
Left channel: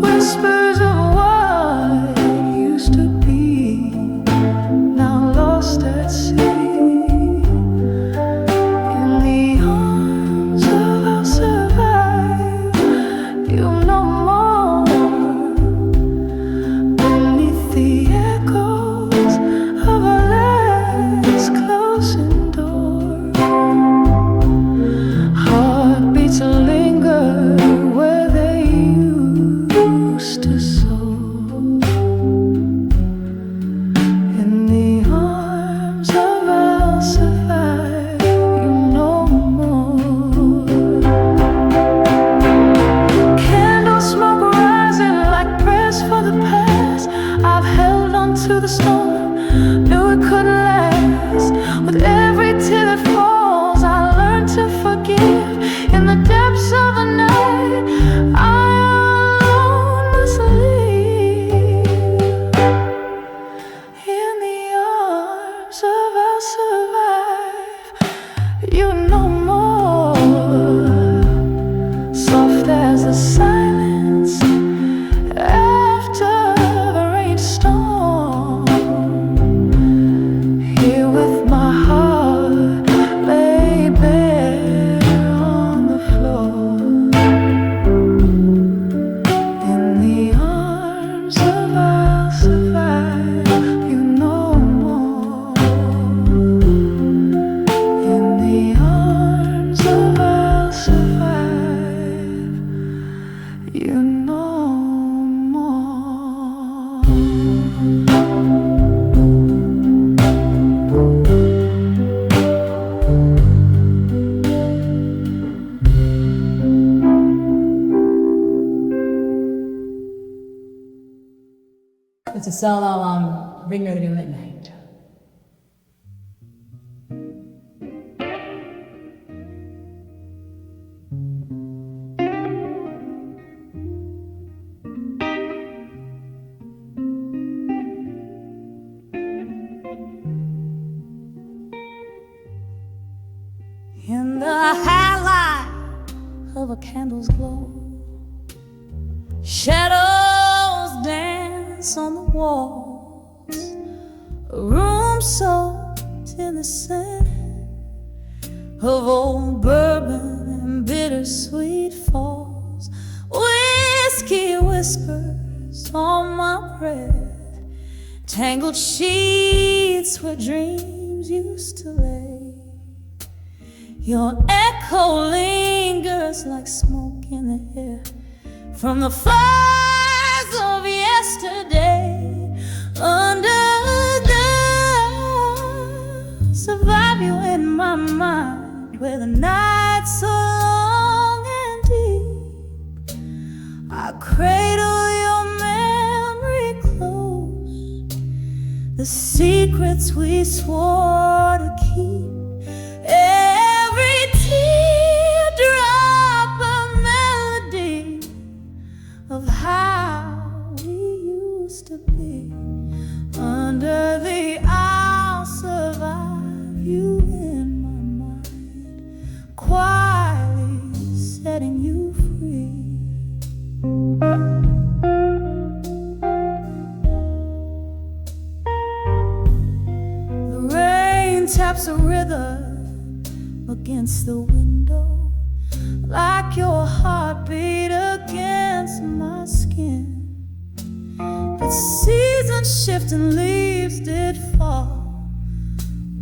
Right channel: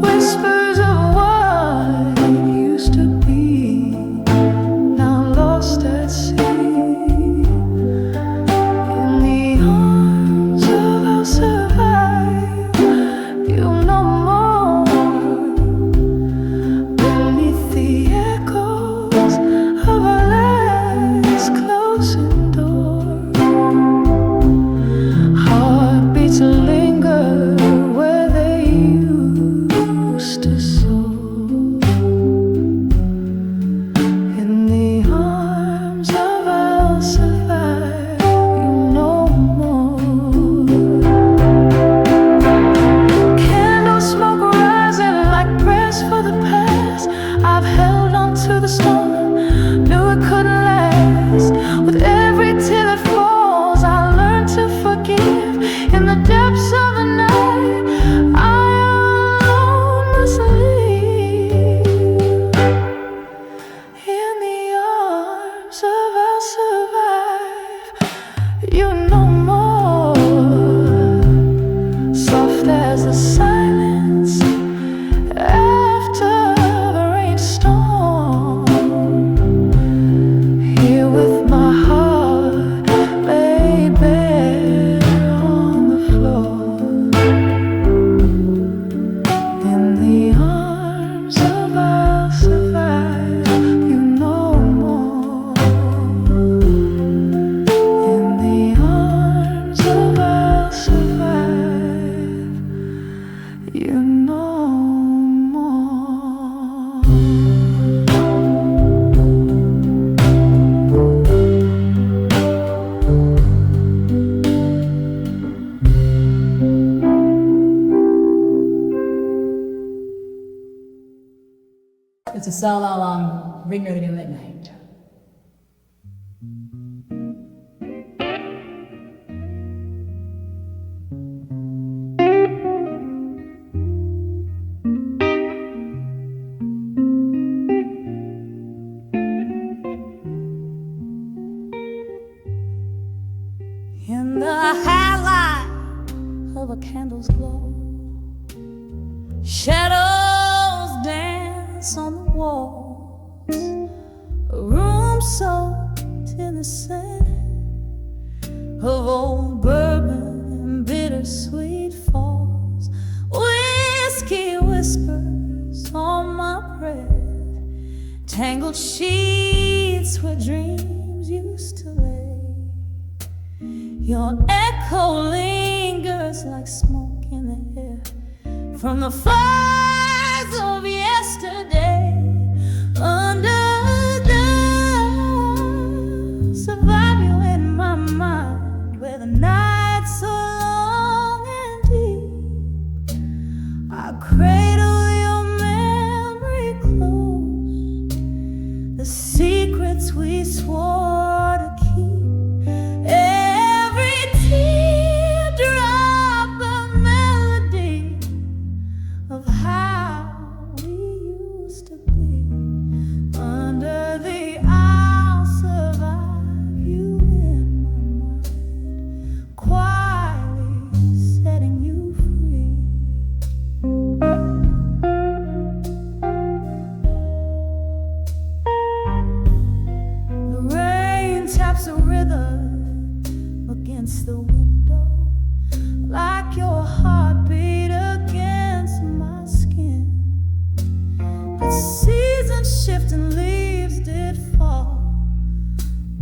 whispers of what used to be, now lost at sea. In the arms of I'll survive, you know more beneath the echoes of our last closing door. Heartbeats linger where they used to soar. In the arms of I'll survive, you know more. Candle smoke rising like prayers for the past. I've held on to the storm, knew it couldn't last. With every tear that falls, I learn to forgive. In the depths of the night, I alone must leave. In the arms of I'll survive, you know more. Soft as the silence after the rainstorm. Here with my heart laid bare on the floor. In the arms of I'll survive, you know more. In the arms of I'll survive. It's a solo on Renditions Midnight. In the highlight of a candle's glow, shadows dance on the walls, a room soaked in the scent of old bourbon and bittersweet falls. Whiskey whispers on my breath, tangled sheets where dreams used to lay. Your echo lingers like smoke in the air from the fires of yesterday. Under the survive you in my mind, where the night's so long and deep. I cradle your memory close, the secrets we swore to keep. Every teardrop a melody of how we used to be. Under the I'll survive you in my mind, quietly setting you free. The rain taps a rhythm against the window, like your heartbeat against my skin. But seasons shift and leaves did fall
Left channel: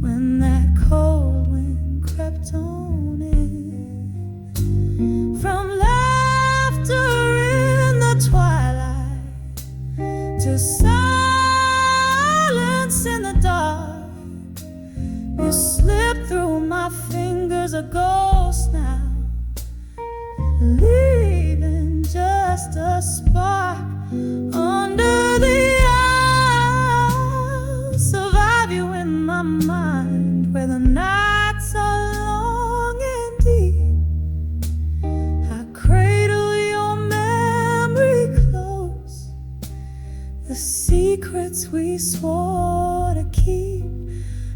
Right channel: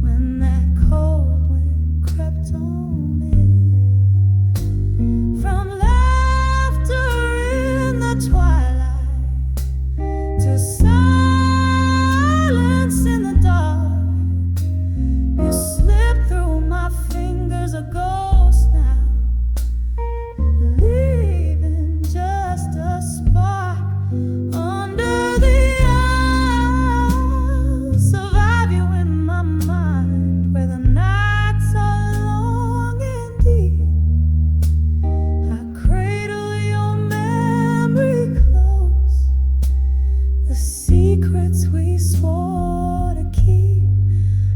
when that cold wind crept on in. From laughter in the twilight to silence in the dark, you slip through my fingers, a ghost now, leaving just a spark. Under the I'll survive you in my mind, where the nights are long and deep. I cradle your memory close, the secrets we swore to keep.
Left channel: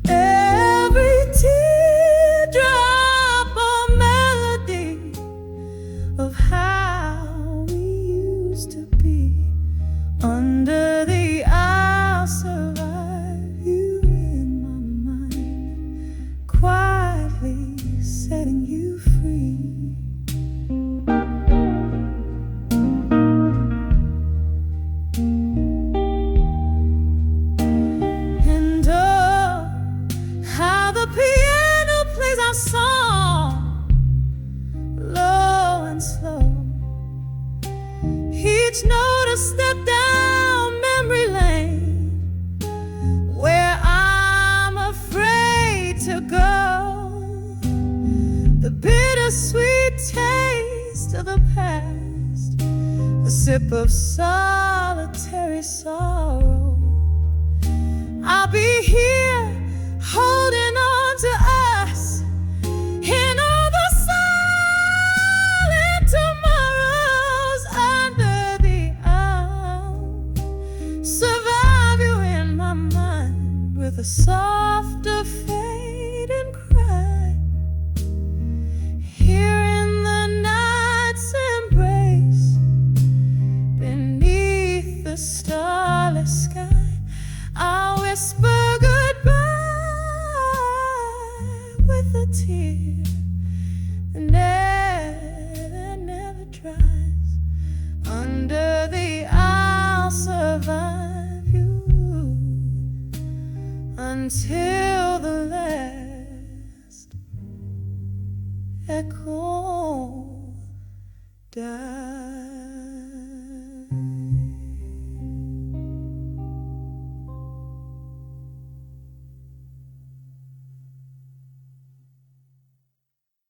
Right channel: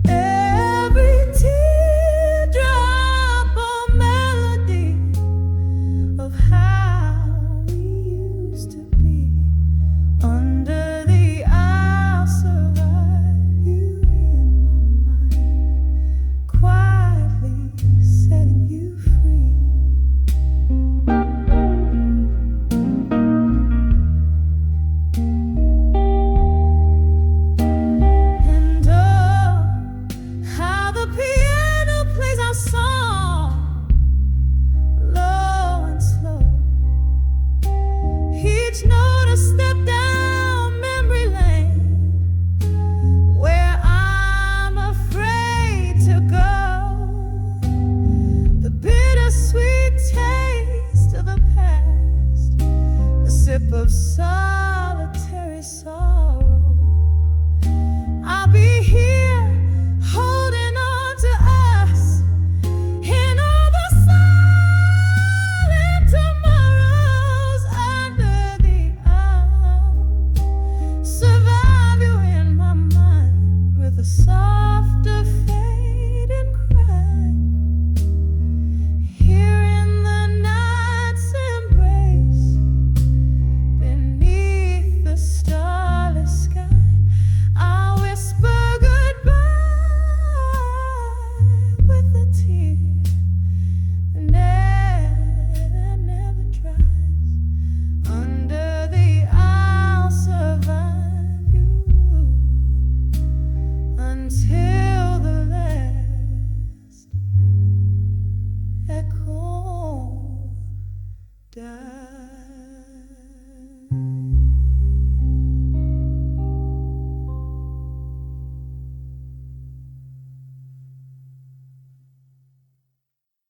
Every teardrop a melody of how we used to be. Under the I'll survive you in my mind, quietly setting you free. And oh, how the piano plays our song, low and slow. Each note a step down memory lane, where I'm afraid to go. The bittersweet taste of the past, the sip of solitary sorrow. I'll be here holding on to us in all the silent tomorrows. Under the I'll survive you in my mind, with a softer fading cry. Here in the night's embrace, beneath the starless sky, I'll whisper goodbye with a tear that never dries. Under the I'll survive you until the last echo dies.